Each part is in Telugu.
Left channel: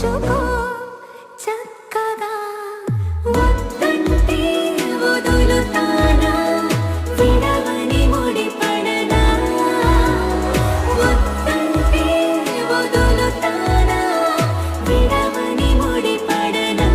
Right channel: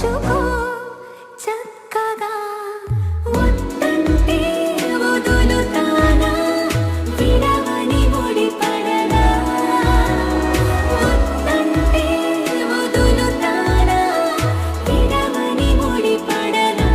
ఉంచుకో చక్కగా వద్దంటే వదులుతానా విడవని ముడిపడనా వద్దంటే వదులుతానా విడవని ముడిపడనా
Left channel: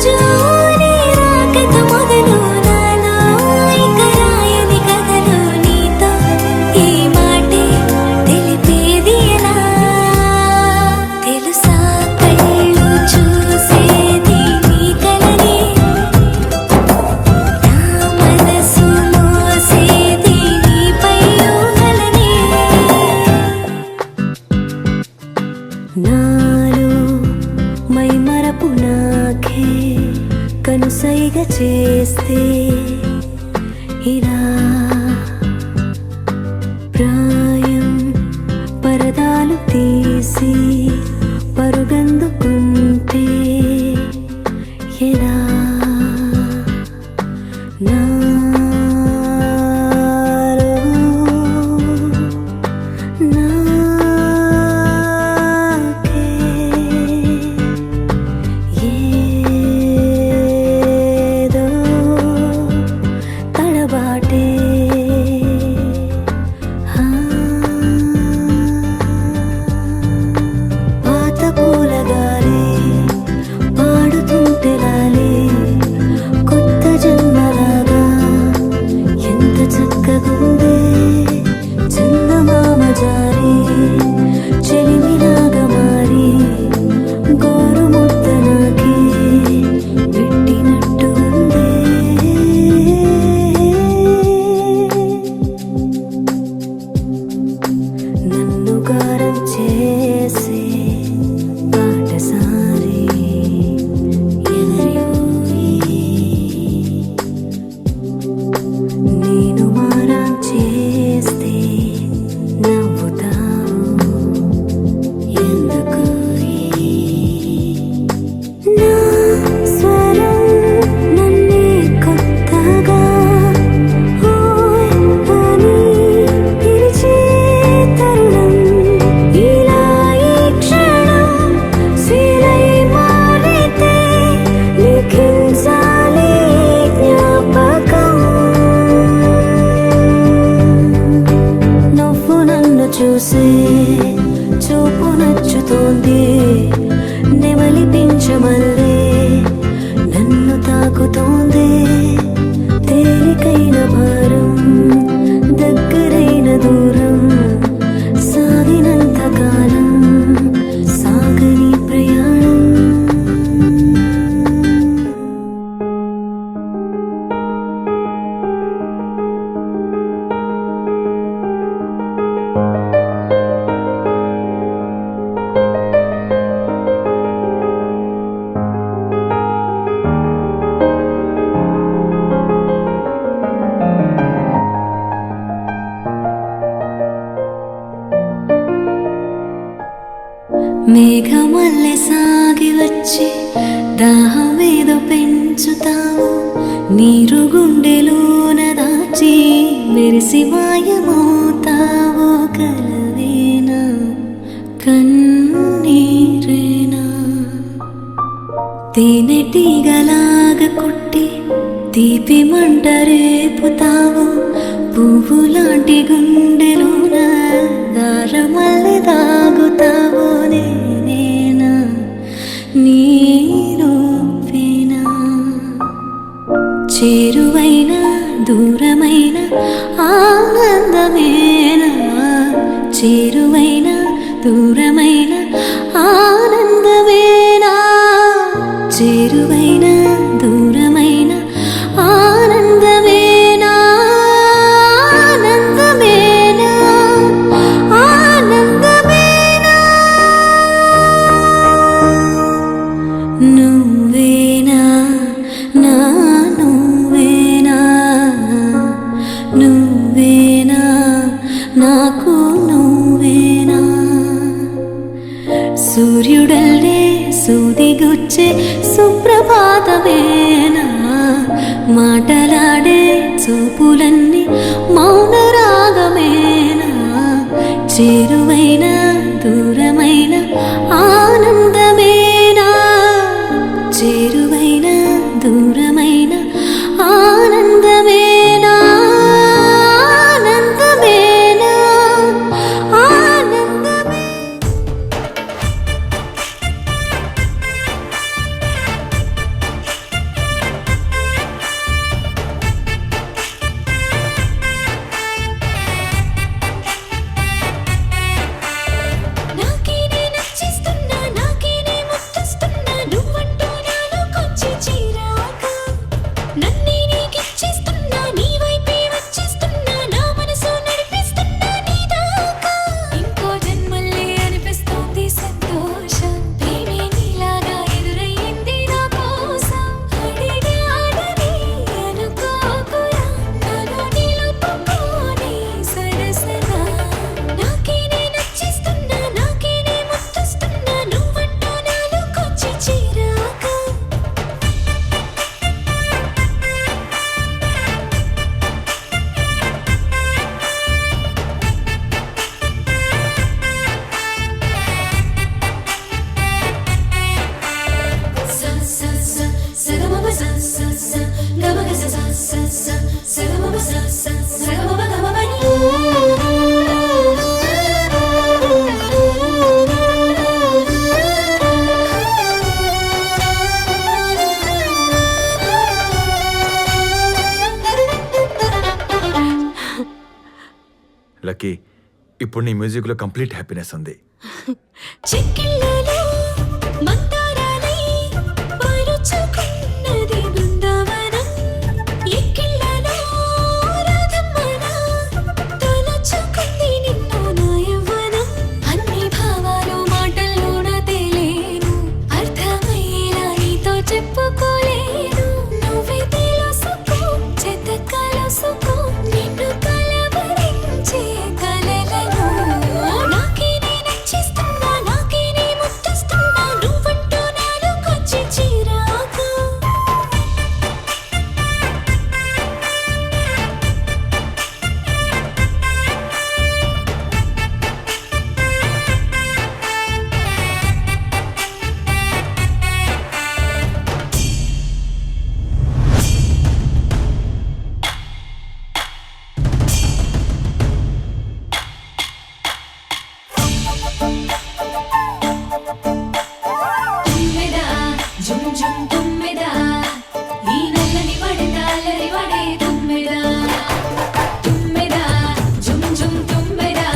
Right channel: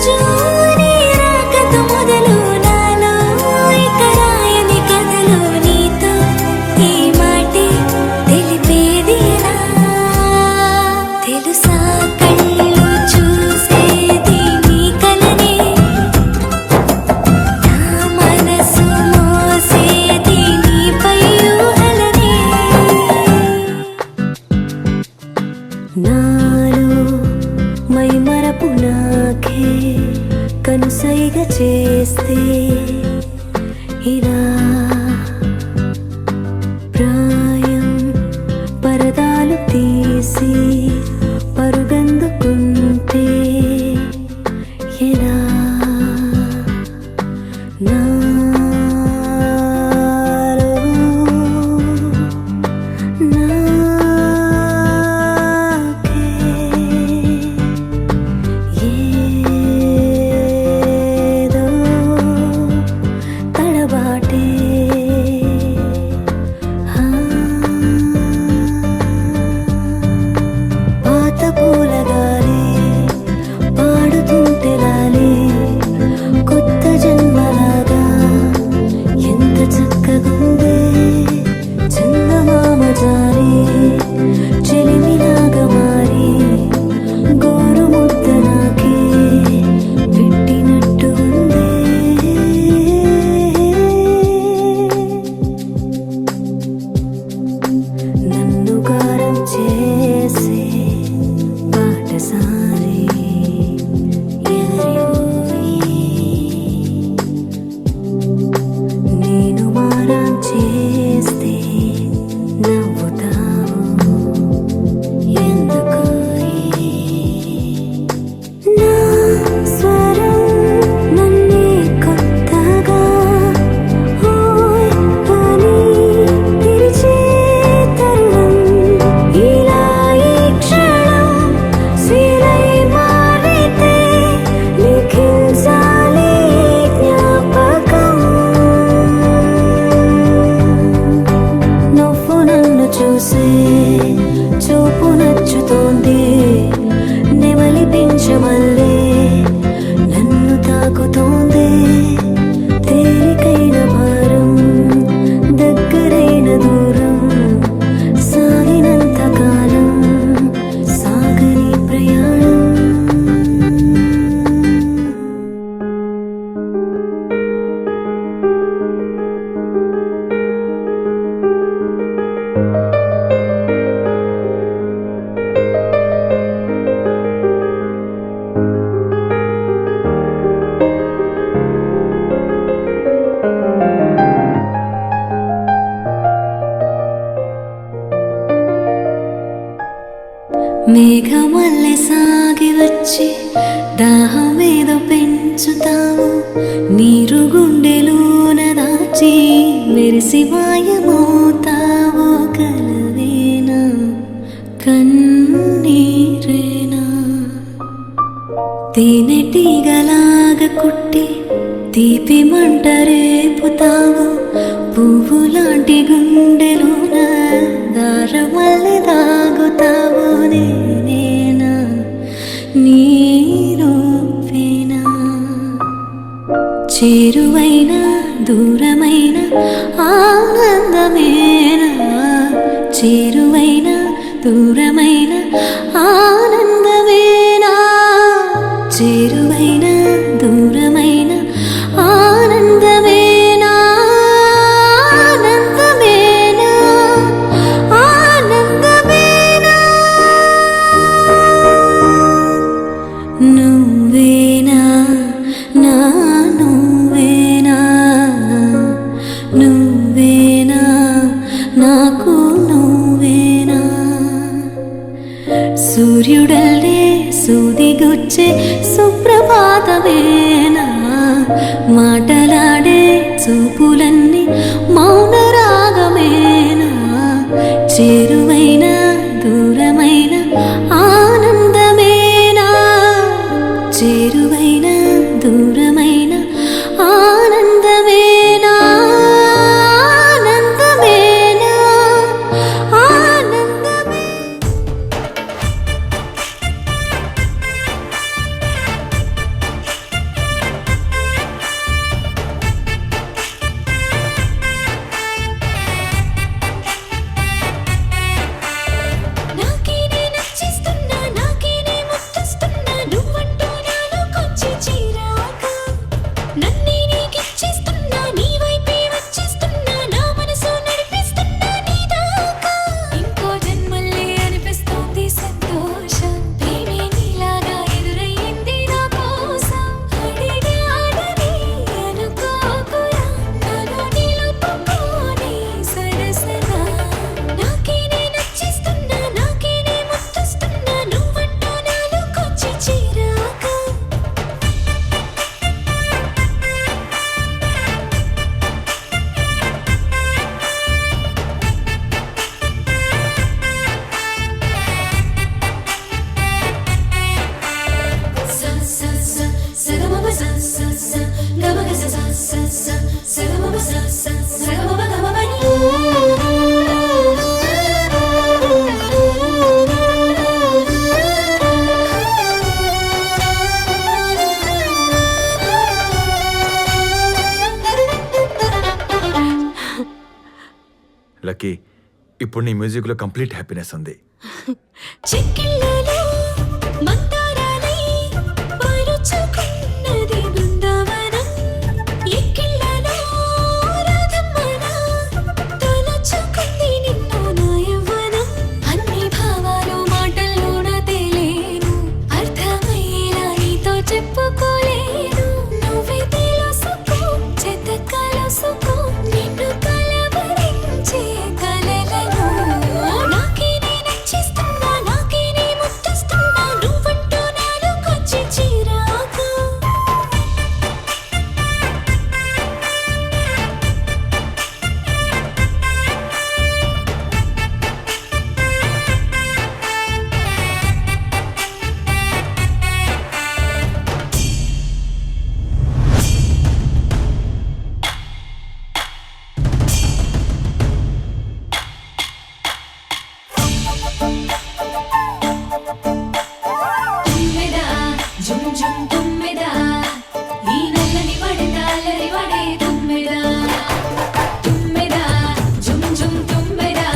రోజు నీ రాకతో మొదలవునాను ఇక రాయని కథలో నీతో ఈ మాటే తెలిపేది ఎలా తెలుసా కళ్ళు చూసేది నీ కలనే నా మనసు మోసేది నీపై ఊహలనే నాలో మై మరపు నాకే కనుసైగ చేస్తే ఇలా ప్రాయం పరదాలు తీసి పరుగందుకుంటే ఎలా నాలో నాకే ఏదో తడబాటే పాత పూలగాలి పాడుతుంటే లాలి కొత్త జన్మలాగా ఎంత చక్కగుందే చందమామ జారి చెలిమిలాగా మారి గోరు ముద్ద నాకి పెట్టినట్టు ఉందే నన్ను గారం చేసే బాటసారి ఎవరివోయి నేను మారం చేస్తే నవ్వుతావు ఎందుకోయి నా స్వరం నన్నే కొత్తగా ఓయ్ అని పిలిచే తరుణం ఇలా ఈ క్షణం శిలై మారితే లిఖించాలి జ్ఞాపకం నువ్వు నన్ను చూసే చూపు నచ్చుతోంది నెమలి పింఛమల్లే నన్ను తాకుతోంది తేలికైన భారం దగ్గరైన దూరం సాగినంత కాలం సాగని ప్రయాణం మేఘమల్లె సాగి వచ్చి దాహమేదో పెంచుతావు నీరు గుండెలోన దాచి మెరిసి మాయమవుతావో కలవేనా కన్నీరేనా తేనెటీగలాగా కుట్టి తీపి మంట రేపుతావు పువ్వులాంటి గుండెలోన దారమల్లె దాగుతావు నేనేనా నీరూపేనా చేరువైన దూరమైన ఆనందమేనా చేరువైన దూరమైన ఆనందమేనా చేరువైన దూరమైన ఆనందమేనా ఆనందమేనా ఆనందమేనా నువ్వేనా నా నువ్వేనా నువ్వేనా నాకు నువ్వేనా సూర్యుడల్లే సూదిగుచ్చే సుప్రభాతమేనా మాటలాడే చూపులన్నీ మౌన రాగమేనా చేరువైన దూరమైన ఆనందమేనా చేరువైన దూరమైన ఆనందమేనా ఆనందమేనా ఆనందమే లక్కీ, ఇప్పుడు నీ మ్యూజిక్లో కంప్లీట్ హ్యాపీనెస్ ఉంది. చెక్కిళ్ళలో మందారాలై పరుచుకున్నది బృందావనం. ఎక్కిళ్ళలో రాధమ్మన తలచుకుంది నిన్ను నా యవ్వనం. అన్ని భావాలు మాటల్లోన తేలేను, అర్థమయ్యేలా నీతో చెప్పుకోలేను. నువ్వే తెలుసుకో, చెత్త కలుసుకో, నిన్ను కలవరించే కలలను. నాకే నే నచ్చిస్తున్నా, నాకే నే ముద్దిస్తున్నా, నువ్వంటూ నాలోకొచ్చి చిరాకు. తుమ్మెదా జుమ్ జుమ్ తుమ్మెదా, ఈ నల్లని వడతాలరి వడే తుమ్మెదా. తుమ్మెదా జుమ్ జుమ్ తుమ్మెదా,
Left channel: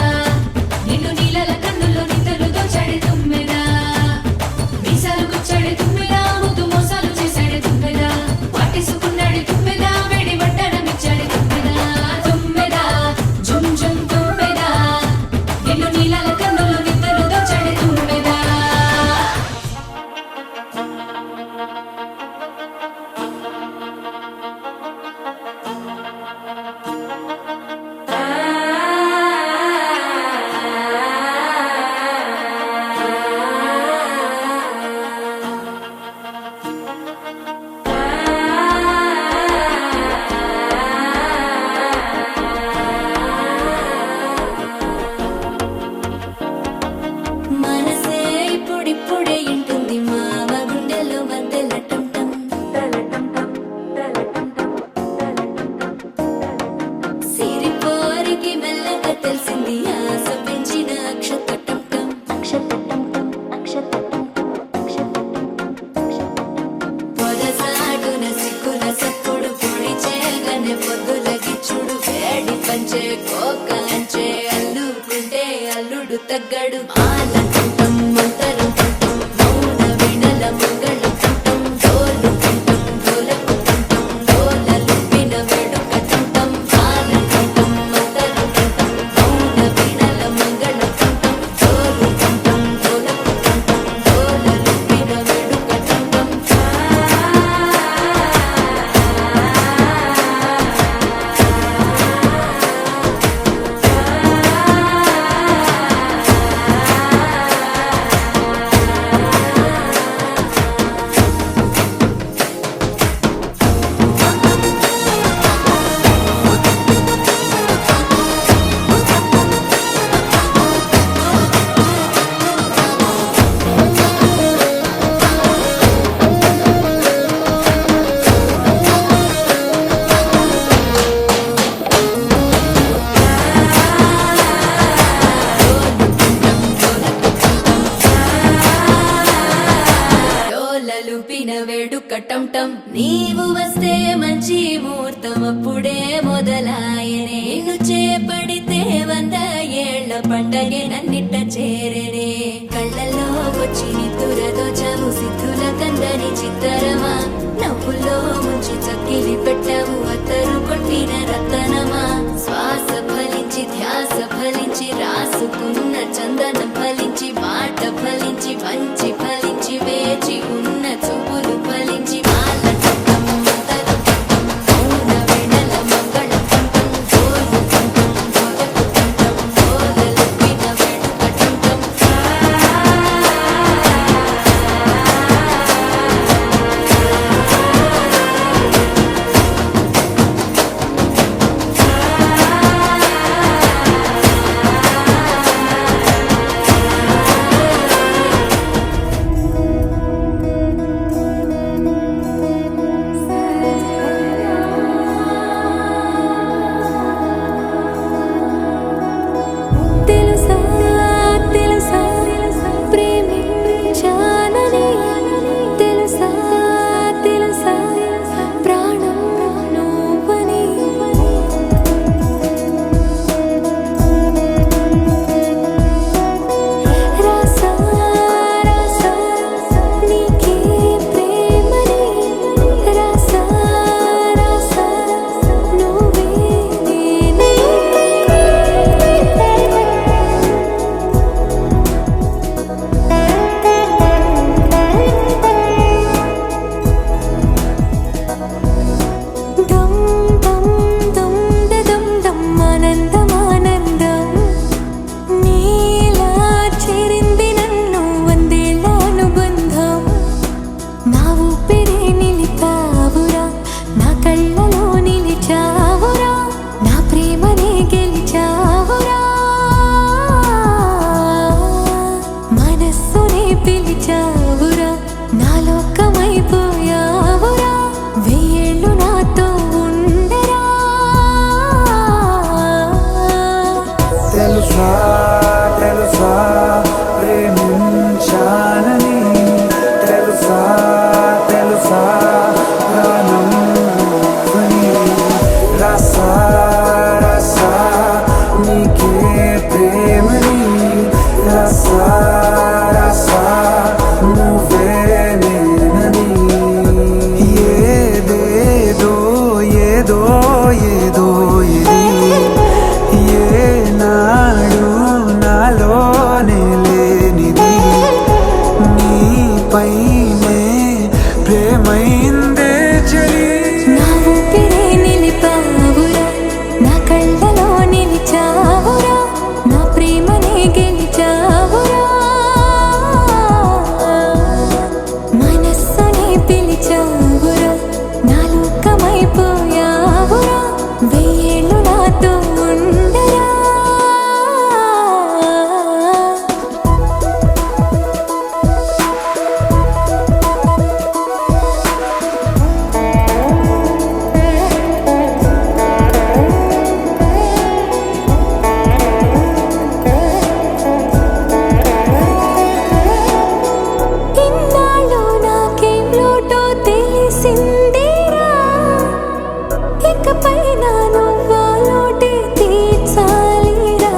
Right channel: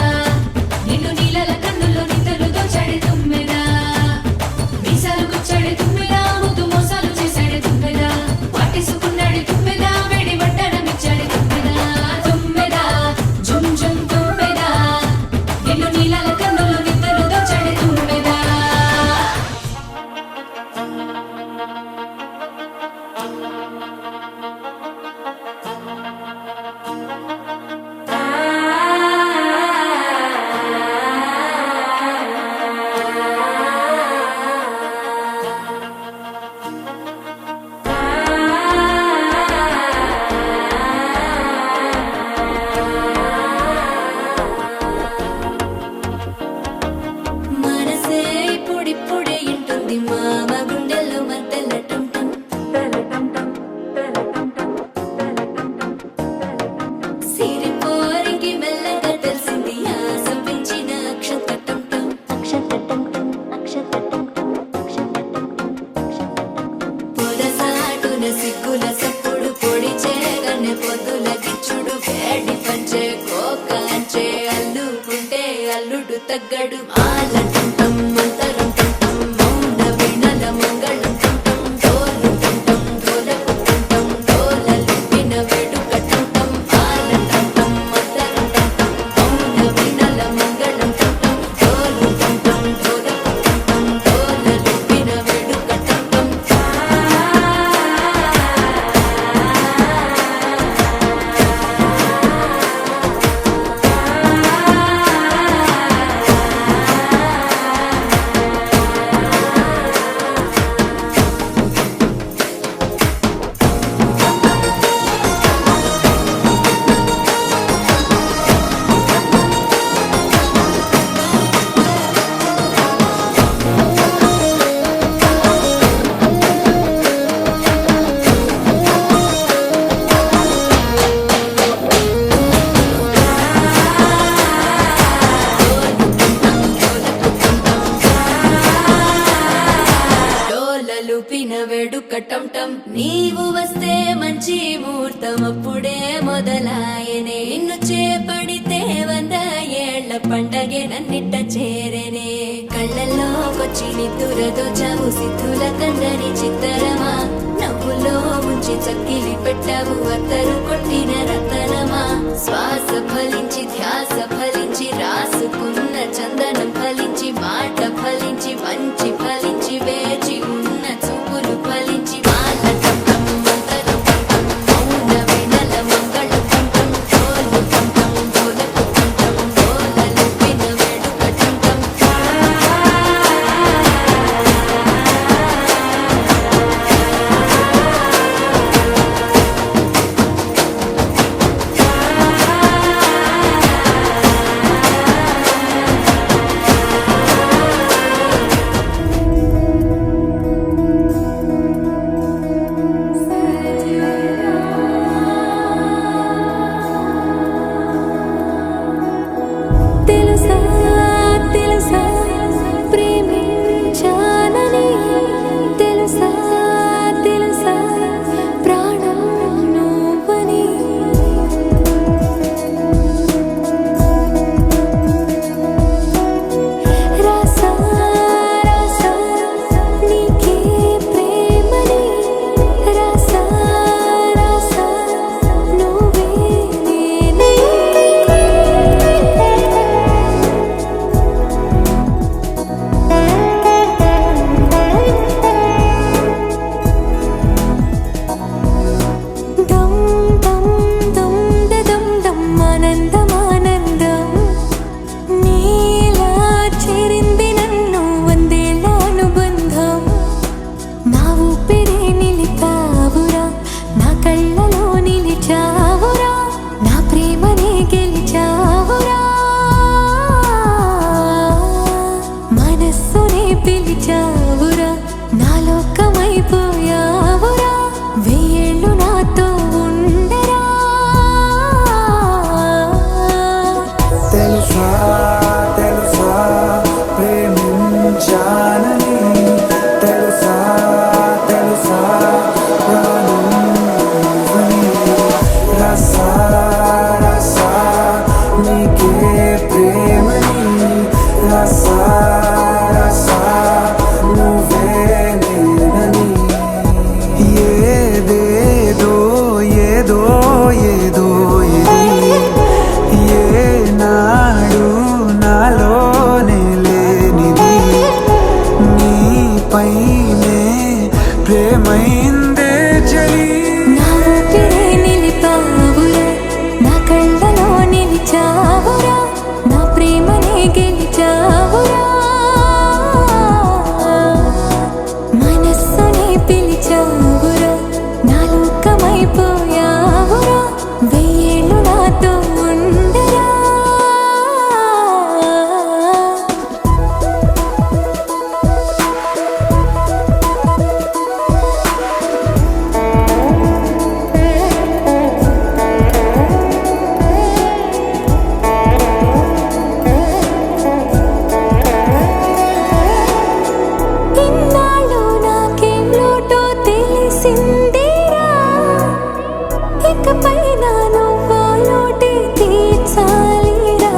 నిన్ను నీలల కన్నుల్లో నిద్రలు దోచాడే తుమ్మెదా. మీసాలు గుచ్చాడే తుమ్మెదా, ముద్దు మోసాలు చేశాడే తుమ్మెదా. పట్టేసుకున్నాడే తుమ్మెదా, వేడి వడ్డనమిచ్చాడే తుమ్మెదా. తుమ్మెదా జుమ్ జుమ్ తుమ్మెదా, నిన్ను నీలల కన్నుల్లో నిద్రలు దోచాడే తుమ్మెదా. మనసే ఇప్పుడిప్పుడే ఇంటుంది మామ గుండెల్లో మధ్యలో టం టం. సిరిపోరికి మెల్లగా తెలిసింది ఆశ పెంచిన అక్షత టం పొదసాటున సిక్కుల సప్పుడు పొడి చేయగానే పొద్దుల గిచ్చుడు వేడి పంచే కోకాంచే అల్లుకుంటే అల్లుడు తగ్గడు. ఆలంటం మంతరం టం మౌన వీణల మంగళం టం డోలు టం డోలకు టం డోలలు విన వేడుక టం. ఆలంటం మంతరం టం మౌన వీణల మంగళం టం డోలు టం డోలకు టం డోలలు విన వేడుక టం. డోలలుపిన వేడుక టం టం. నీవు వస్తే మంచి ముహూర్తం అప్పుడే మొదలాయనే. నిన్ను చేపడితే 100 ఏళ్ల పండగే నన్నిట్ట చేరనే. కళ్ళల్లో వచ్చి నిద్దురతో చవు సిద్ధుల కందని చిత్తరమా. నవ్వులో ముంచి చక్కిలి పెట్టావు అత్తరు కొట్టిన రతనమా. శ్వాస ఫలించి ధ్యాస ఫలించి రాసుకున్న చందనం ఫలించి మాట ఫలించి మంచి ఫలించి వేచి ఉన్న చూపులు ఫలించి వాళ్ళ టం మంతరం టం మౌన వీణల మంగళం టం డోలు టం డోలకు టం డోలలు విన వేడుక టం. ఏదేదో ఏదో ఏదో ఇది ఏనాడు నాలోనే లేనిది నీపైనే ప్రేమైందే చలి నా ఊపిరే నిలిపావురా నా కళ్ళలో నిలిచావురా నా ప్రేమనే గెలిచావురా మనస్సునే పిలిచావురా నా లోకమైపోయావురా వెయ్యేళ్ళు నాతో ఉండరా ఇన్నాళ్ళు నాకేం లోటో తెలిసిందిరా ఇకపై నా నువ్వా లోటే తీర్చాలిరా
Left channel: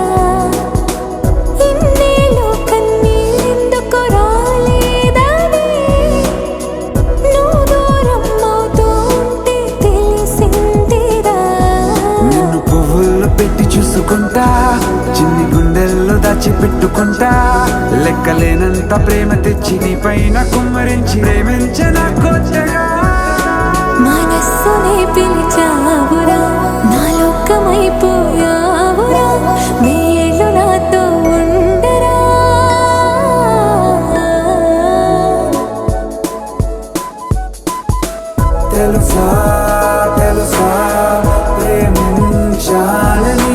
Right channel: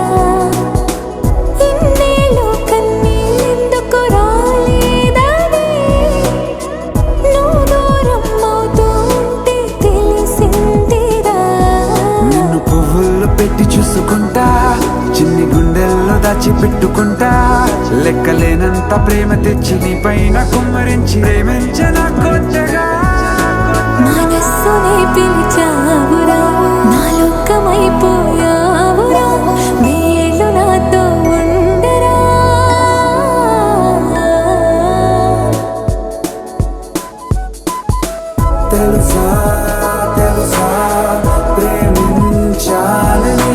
ఇన్నేళ్ళు కన్నీళ్ళెందుకు రాలేదని నువ్వు దూరం అవుతూ ఉంటే తెలిసిందిరా నిన్ను పువ్వుల్లో పెట్టి చూసుకుంటా చిన్ని గుండెల్లో దాచిపెట్టుకుంటా లెక్కలేనంత ప్రేమ తెచ్చి నీ పైన కుమ్మరించి ప్రేమించిన కొత్తగా మనస్సునే పిలిచావురా నా లోకమైపోయావురా వేళ్ళు నాతో ఉండరా తెలుసా తెలుసా ప్రేమించాలని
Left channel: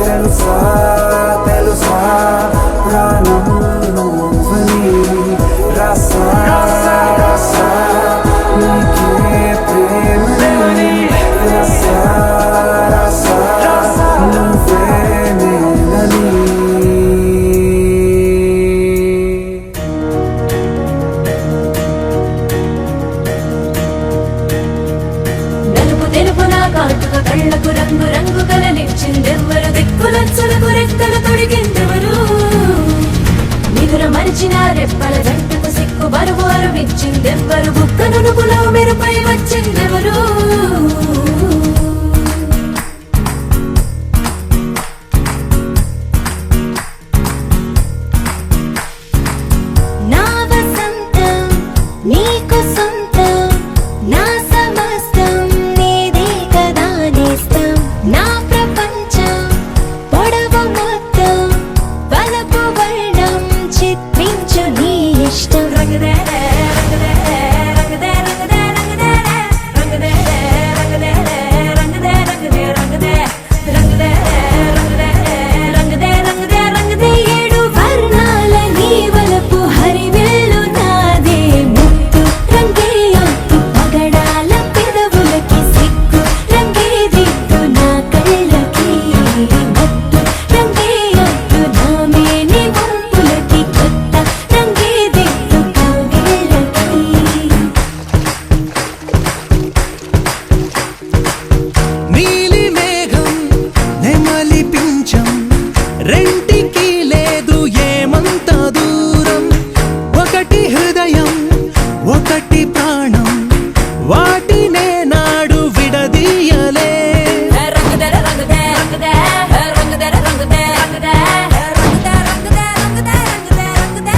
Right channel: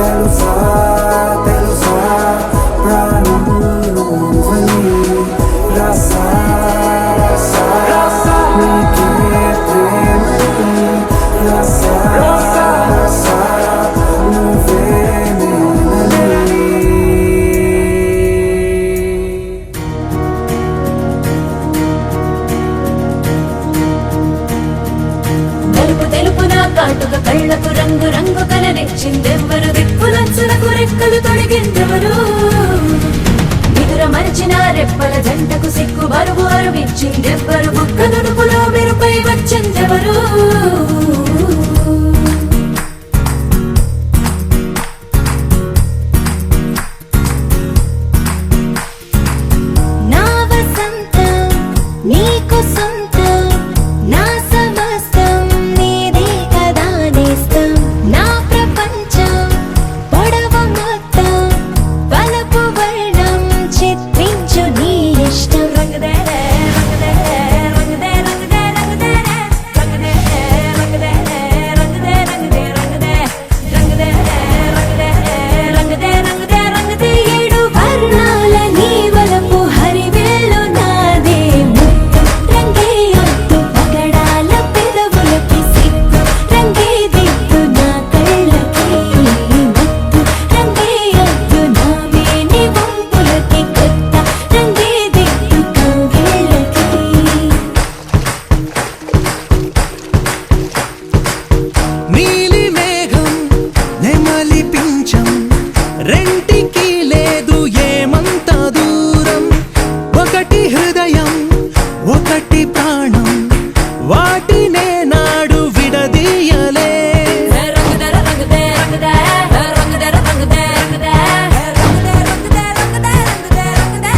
తెలుసా తెలుసా ప్రాణం నువ్వని రసా రసా నీకే ప్రేమని రసా రసా నువ్వే నేనని తెలుపు తెలుపు నా కాటుక కళ్ళకు రంగు రంగు కలనిచ్చిందెవ్వరు దిక్కులంచులకు రెక్కలు తొడిగిందెవరు నిదుర మరిచిన రెప్పల జంటకు సిగ్గు బరువు అరువిచ్చిందెవ్వరు ఒక్క నునుపులో మెరుపై వచ్చిందెవరు నా వసంతం నీకు సొంతం నా సమస్తం నీది కదా నేస్తం నా ప్రపంచం పొడవ మొత్తం వలపు వర్ణం చిత్రించు నీ ఇష్టం రంగదే రంగదే రంగదే రంగదే రంగదే రంగదే రంగదే రంగదే రంగదే రంగదే రంగదే రంగదే రంగదే రంగదే రంగదే ఏడు వర్ణాల నీ వలపు హరివిల్లు నాదే ముత్తు రంగే యొద్దు పగడాల పెదవులకి సిగ్గు రంగే దిద్దు నా కళ్ళకి మత్తు రంగే యొద్దు నా మేని వంపులకి కొత్త రంగే దిద్దు కౌగిళ్ళకి నీలి మేఘం నెమలి పించం రెంటికి లేదు ఏమంత దూరం ఒకటి హృదయం ఒకటి ప్రాణం వాటినే నాడు విడదీయలే రంగదర రంగదే రంగదే రంగదర రంగదే రంగదే రంగదే రంగదే రంగదే రంగదే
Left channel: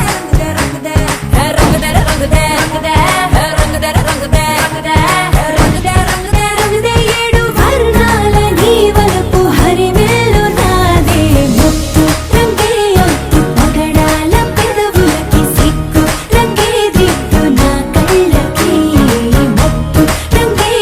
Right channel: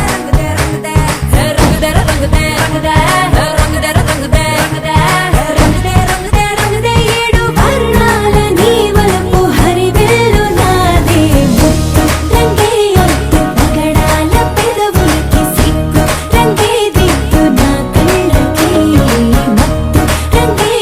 రంగదర రంగదే రంగదే రంగదర రంగదే రంగదే రంగదే రంగదే ఏడు వర్ణాల నీ వలపు హరివిల్లు నాదే ముత్తు రంగే యొద్దు పగడాల పెదవులకి సిగ్గు రంగే దిద్దు నా కళ్ళకి మత్తు రంగే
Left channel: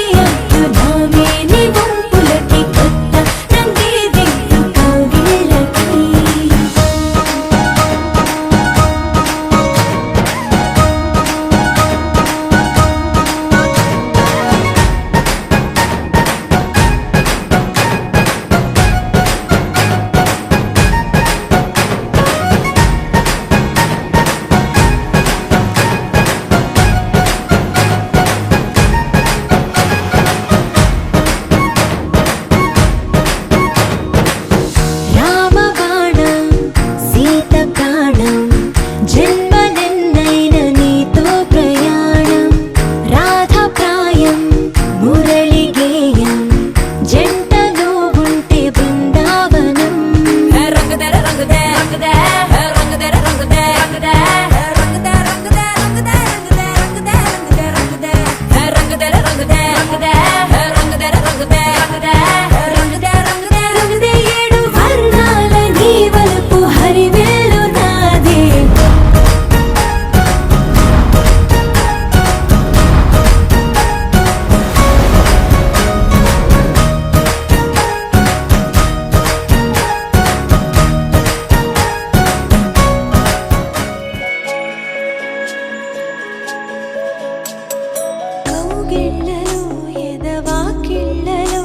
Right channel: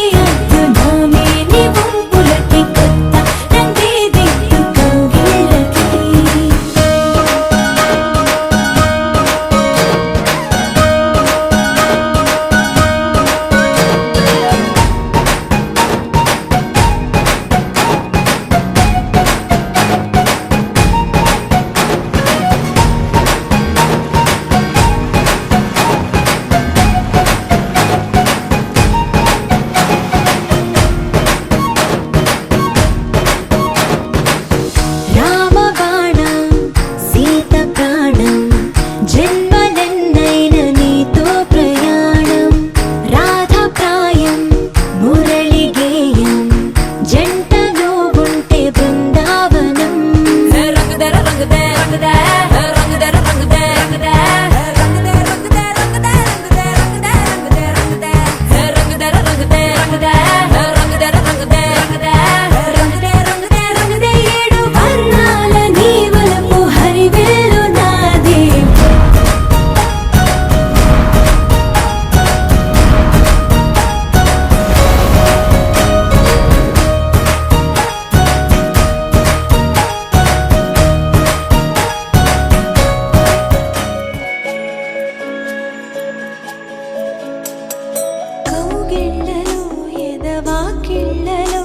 ఎదవాకిళ్ళలో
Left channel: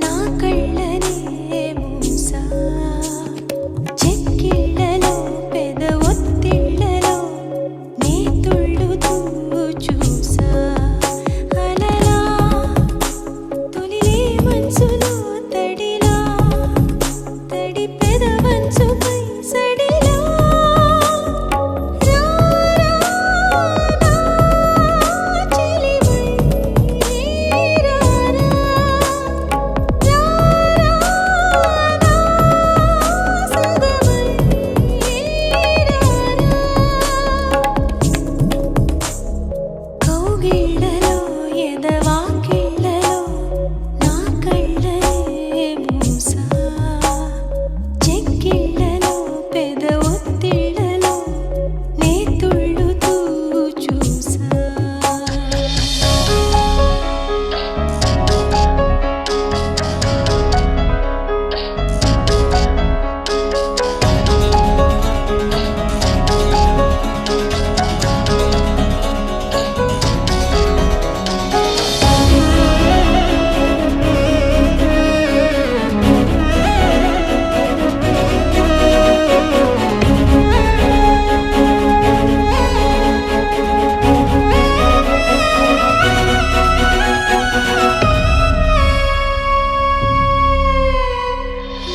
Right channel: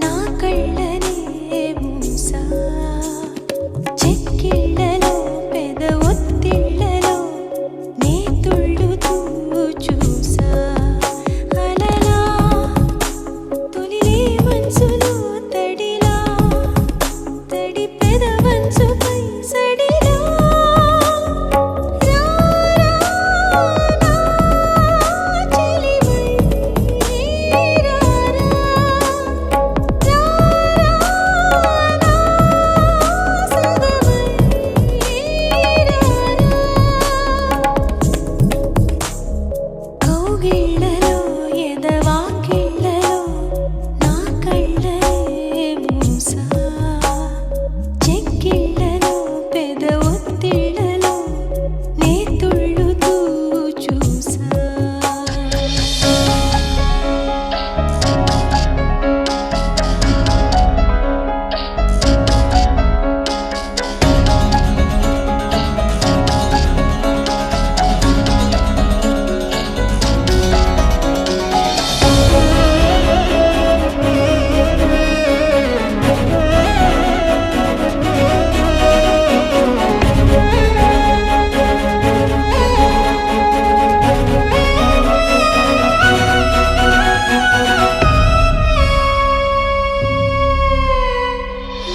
నా కళ్ళనే మూసా చెక్కిళ్ళలో పెద ఒత్తిళ్ళలో నే తుళ్ళుతూ చూసా అలలా తొలిలే మనసులో తడిలా తడి పెద వంచుపై సడిలా కౌగిళ్ళలో ఎదవాకిళ్ళలో నా కళ్ళనే మూసా చెక్కిళ్ళలో పెద ఒత్తిళ్ళలో నే తుళ్ళుతూ చూసా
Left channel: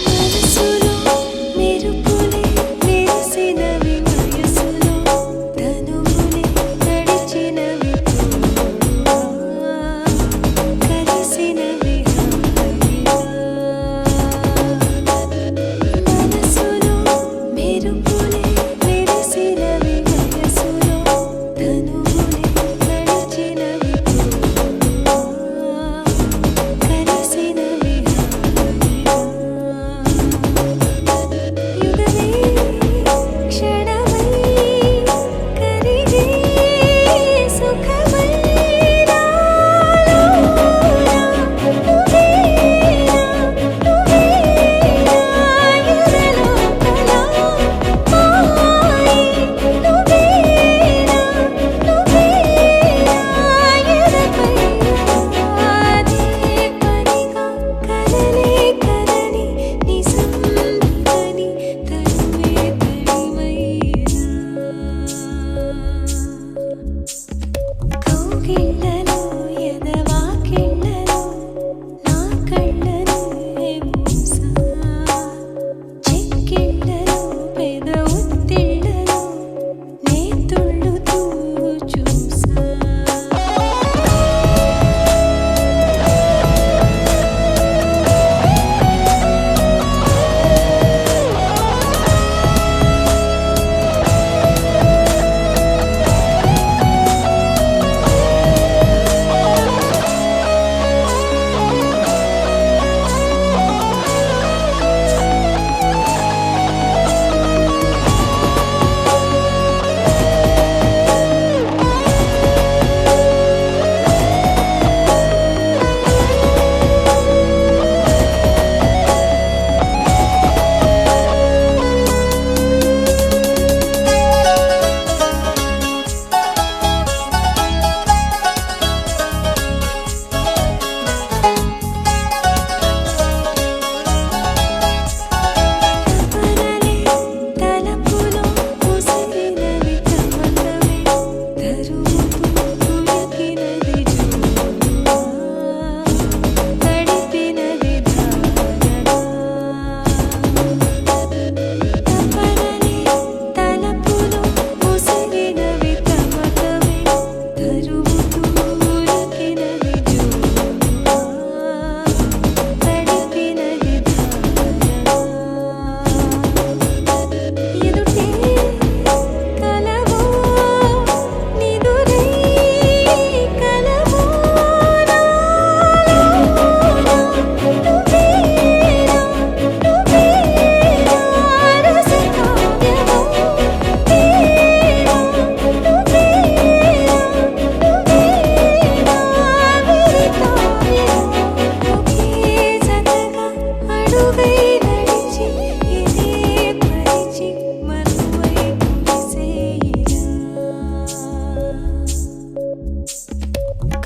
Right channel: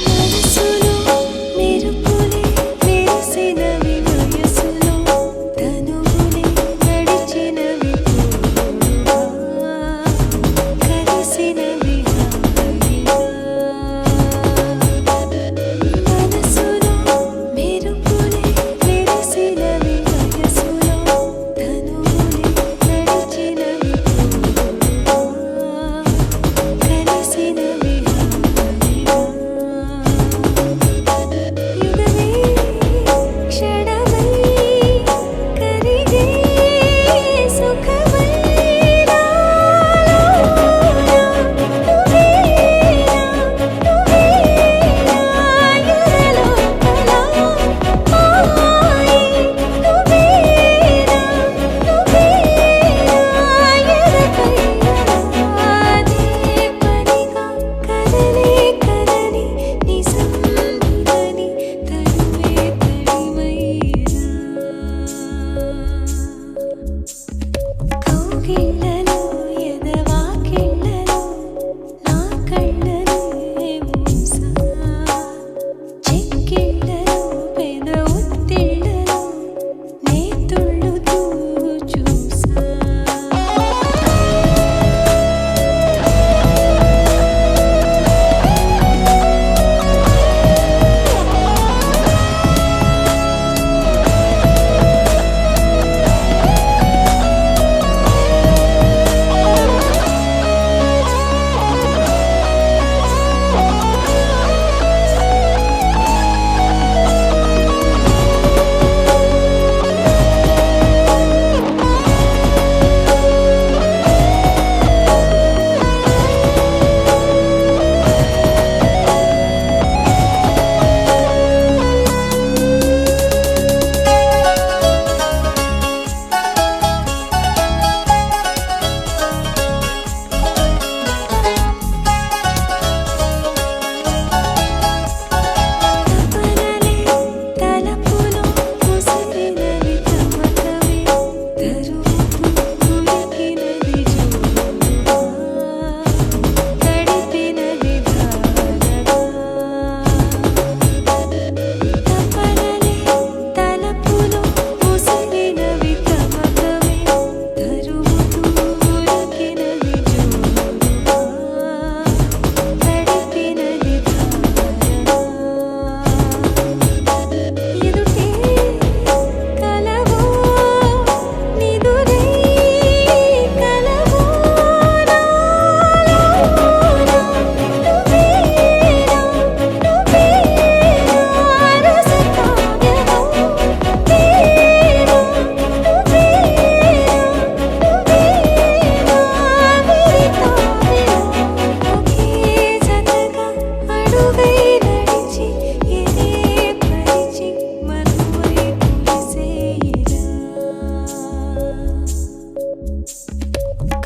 మనసులో మెరుపులే మెరిసినవి వయసులో తనువులే నడిచినవి తోడుగా కలిసినవి హాయిగా మనసులో మెరుపులే మెరిసినవి వయసులో తనువులే నడిచినవి తోడుగా కలిసినవి హాయిగా యుగమే క్షణమై కరిగే సుఖమై నాలోన నువ్వేనా నువ్వేనా ఎదలోపల మాయే నువ్వేనా నువ్వేనా ఎదపై అదే పనిగా కలలే కలని నిజం నిదని తనువే తడిమైనా కౌగిళ్ళలో ఎదవాకిళ్ళలో నా కళ్ళనే మూసా చెక్కిళ్ళలో పెద ఒత్తిళ్ళలో నే తుళ్ళుతూ చూసా తపనలే తలపులో ముసిరినవి తమకమే తరువుతూ కురికినది జోరుగా తడిపినది ధారగా తపనలే తలపులో ముసిరినవి తమకమే తరువుతూ కురికినది జోరుగా తడిపినది ధారగా ఎదుటే కలవో నిదురై కలవో నాలోన నువ్వేనా నువ్వేనా రసకావ్యమో ప్రేమ నువ్వేనా నువ్వేనా విరితావిలో ఒకే జతగా అడుగై నడిచి ఎదే పరిచి మనువై కులిసేయిరా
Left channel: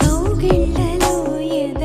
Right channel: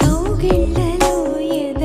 కౌగిళ్ళలో ఎద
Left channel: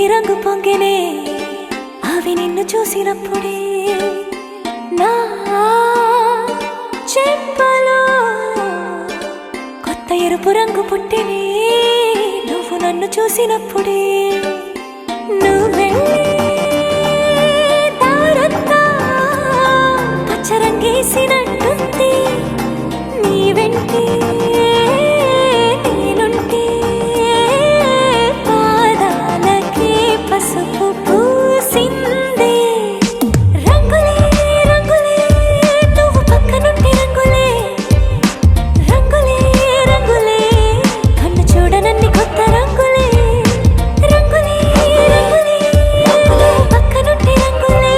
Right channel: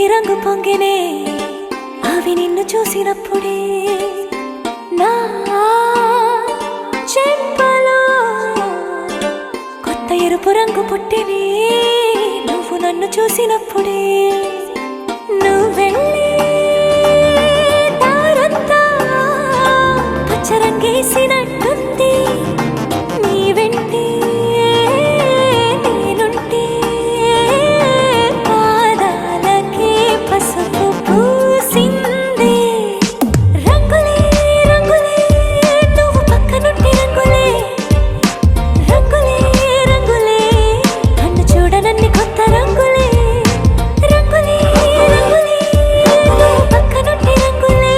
నీలి రంగు పొంగినే అవి నిన్ను చూసినప్పుడే నా చెంపలో కొత్త ఎరుపు రంగు పుట్టినే నువ్వు నన్ను చూసినప్పుడే నువ్వెళ్ళి దారంతా పచ్చరంగేసినట్టుంది నీ వెంటే నేనుంటే పాదాలకే పసుపు పూసిందే రంగులే రంగులే నువ్వు పక్కనుంటే రంగులే రంగులే రంగులే కన్ను చూడనన్ని కొత్త రంగులే రంగులే రంగులే నువ్వు పక్కనుంటే రంగులే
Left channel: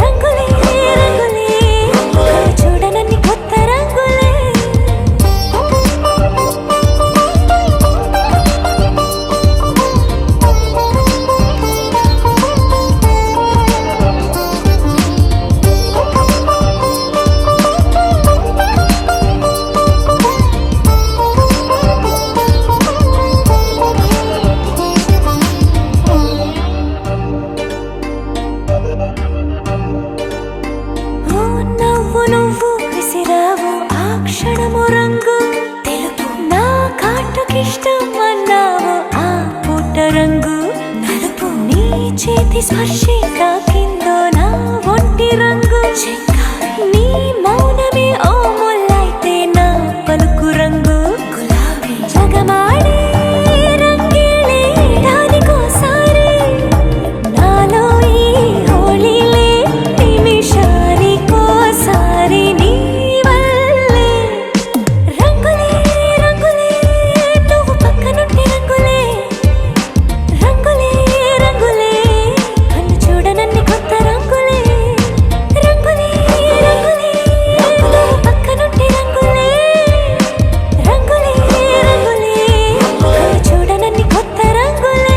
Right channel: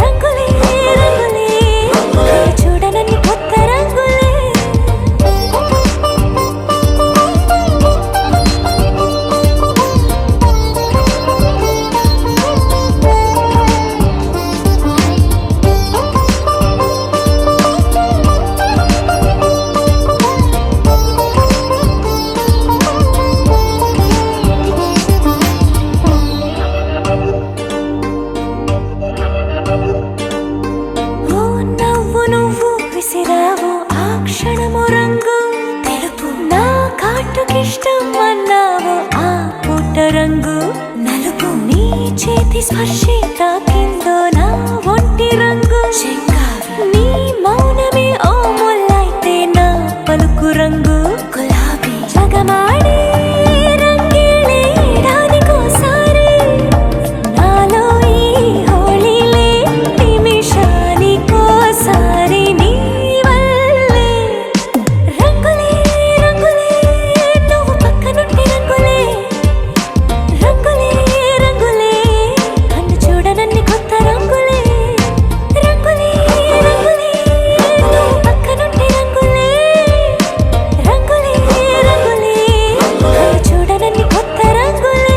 రంగులే రంగులే కన్ను చూడనన్ని కొత్త రంగులే ఓ నవ్వు నువ్వు విసిరావు ఆ క్షణము రంగు తెలుపు నా కాటుకిష్టం అన్నావు ఆ పూట రంగు నలుపు నీ చేతి స్పర్శే తాకిందో నా ఒంటి రంగు నీ మౌనమే ఓ ముల్లైతే నా పలుకు రంగు గులాబీ జగమాడే రంగేలే ఏడాదికోసారి నాలో ఈ హోళీలే నిమిషానికోసారి నీ వల్లే రంగులే రంగులే నువ్వు పక్కనుంటే రంగులే రంగులే రంగులే కన్ను చూడనన్ని కొత్త రంగులే రంగులే రంగులే నువ్వు పక్కనుంటే రంగులే రంగులే రంగులే కన్ను చూడనన్ని కొత్త రంగులే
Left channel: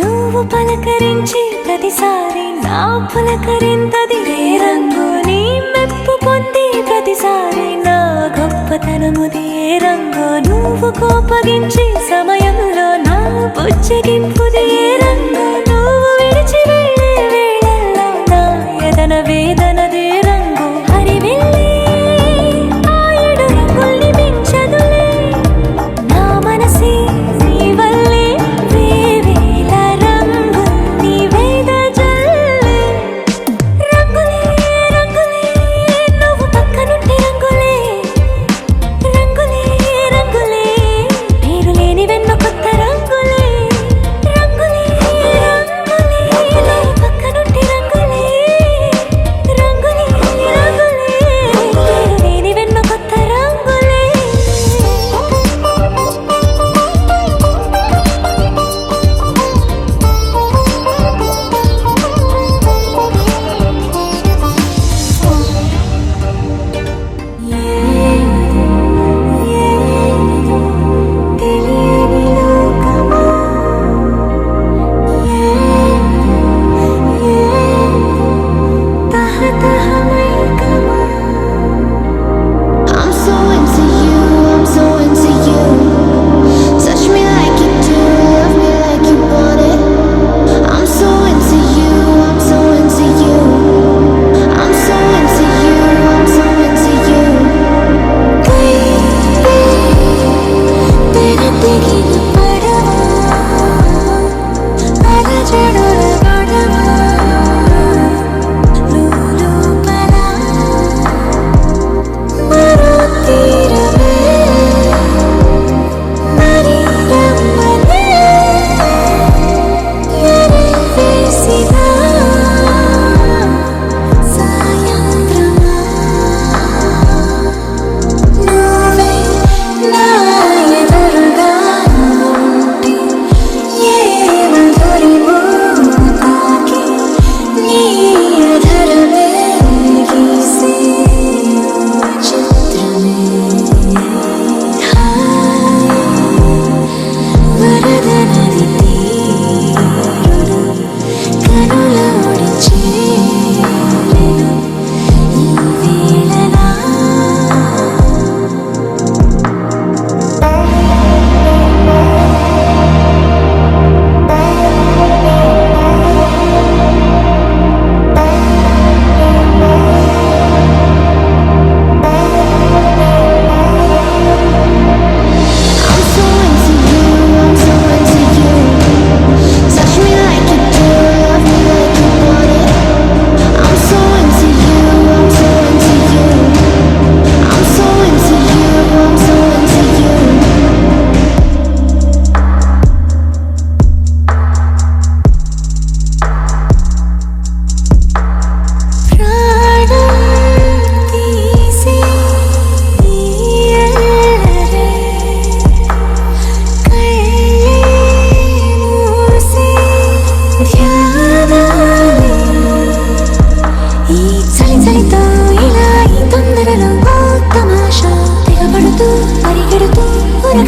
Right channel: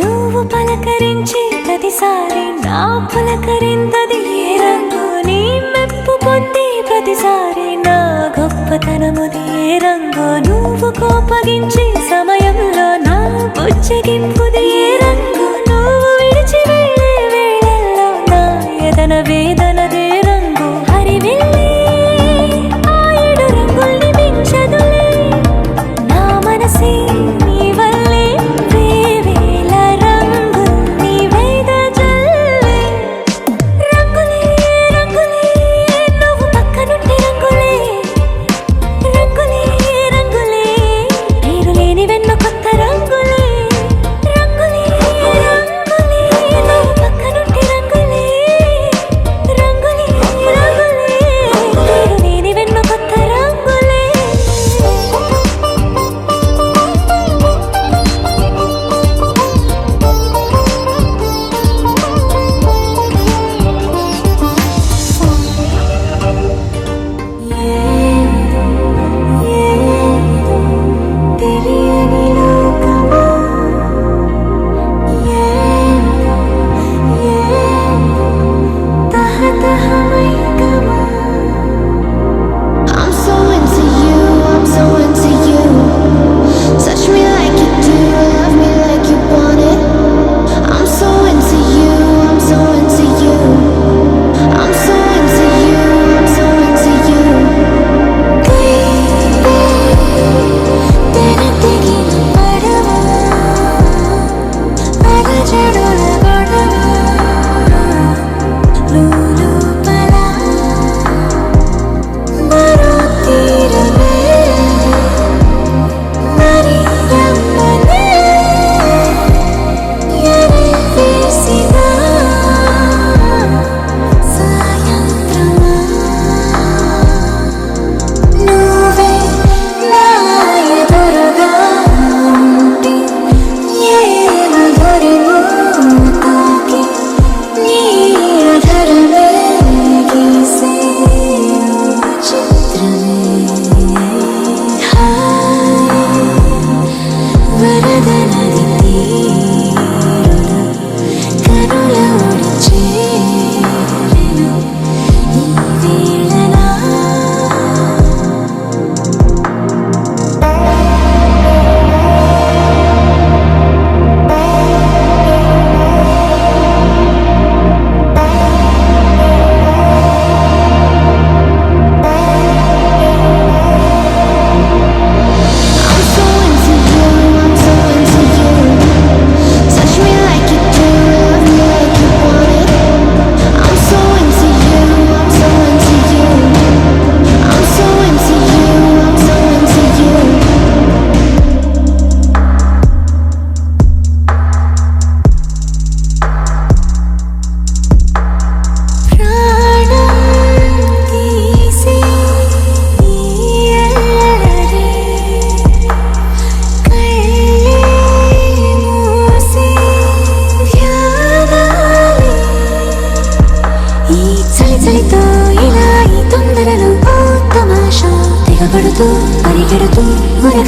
నువ్వు పలకరించి ప్రతిసారి నా పులకరింతది ఏ రంగు నీ మెప్పు పొంది ప్రతిసారి నా గొప్పతనముది ఏ రంగు నువ్వు కోపగించి సమయంలో నా బుజ్జగింపుది ఏ రంగు నువ్వు విడిచి వెళ్ళే వేళల్లో నా ఎదన వేదనదే రంగు హరివిల్లే ఆ ఏడు రంగుల్ని మించదులే నా మనసే నీ వల్లే వేవేల రంగుల్ని వెదజల్లే రంగులే రంగులే నువ్వు పక్కనుంటే రంగులే రంగులే రంగులే పేరు లేని వెన్నో కొత్త రంగులే రంగులే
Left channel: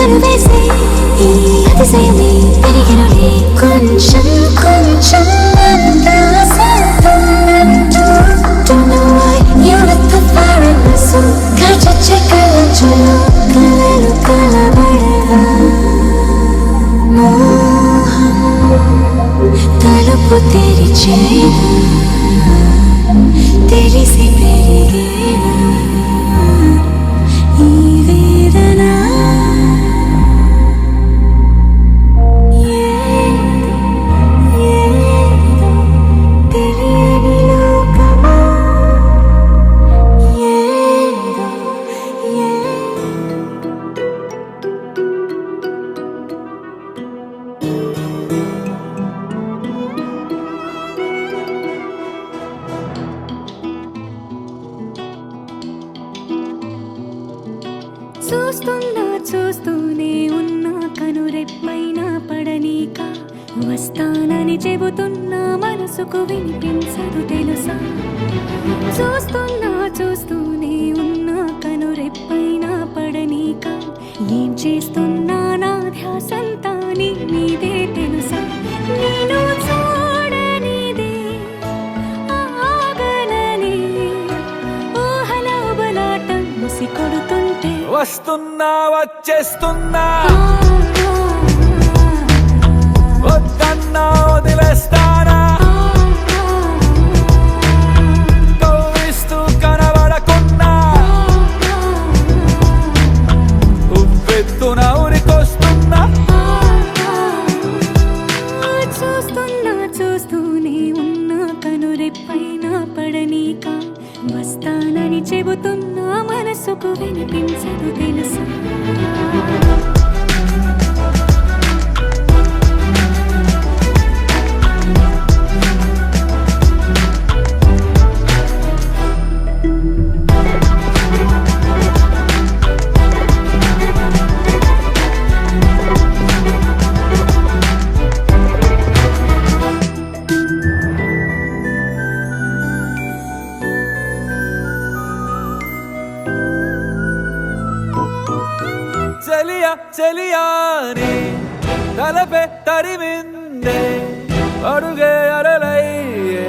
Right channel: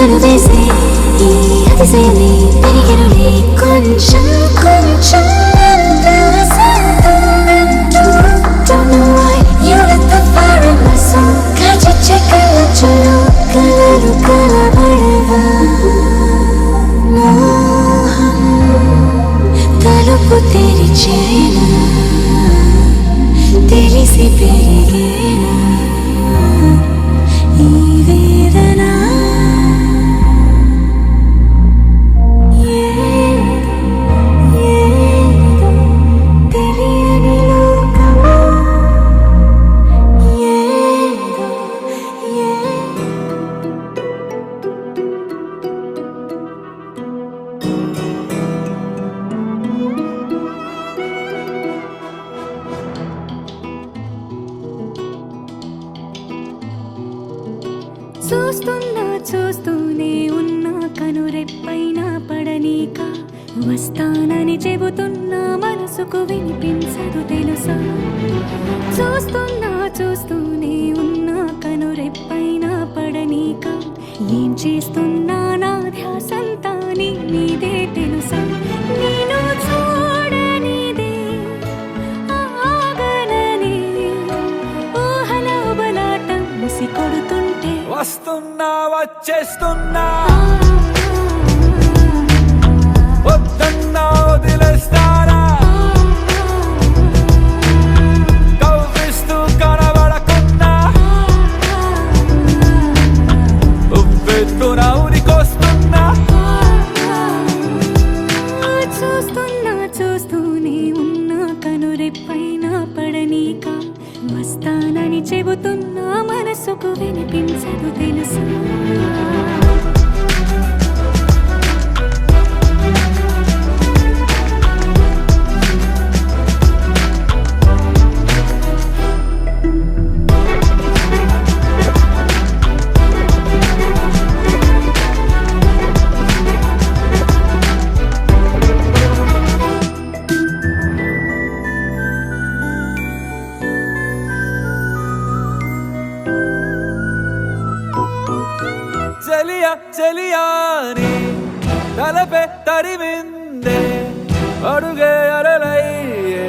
చుక్కలు వేసే ఈ అతిశయమే పెరిగెనులే కొంచెం కొంచెం అంతా సొంతమంటూ. Don't know why you lit the fire in my soul. కాచొచ్చే కళ్ళంచులో కలలు కలబడగా మోహం తలుపు తెరిచేనా తెలిసి పెరిగేనా ఈ వేదన. ఏదో తెలియని లోకమా, ఏదో చూస్తున్నా చూస్తూనే ఉన్నా కనురెప్పైన పడనీక వస్తానని చెబుతున్నా మనసుకు వినిపించదు తెలుసా. చూస్తున్నా చూస్తూనే ఉన్నా కనురెప్పైన పడనీక ఏం చేస్తున్నా నా ధ్యాసంతా నీ మీదే తెలుసా. నేను చూడనిదే ఆగననే ఊహల బలాటం ముసి కొడుతుంటే వస్తున్నా వచ్చేస్తున్నా వద్దన్నా వదిలేస్తారా కవ్విస్తూ కనబడకుండా ఉవ్వెత్తున ఉరికొస్తున్నా. చూస్తున్నా చూస్తూనే ఉన్నా కనురెప్పైన పడనీక వస్తానని చెబుతున్నా మనసుకు వినిపించదు తెలుసా. చలియా చలియాని తలపే తరిమిందే అడుగే అలలయ్యే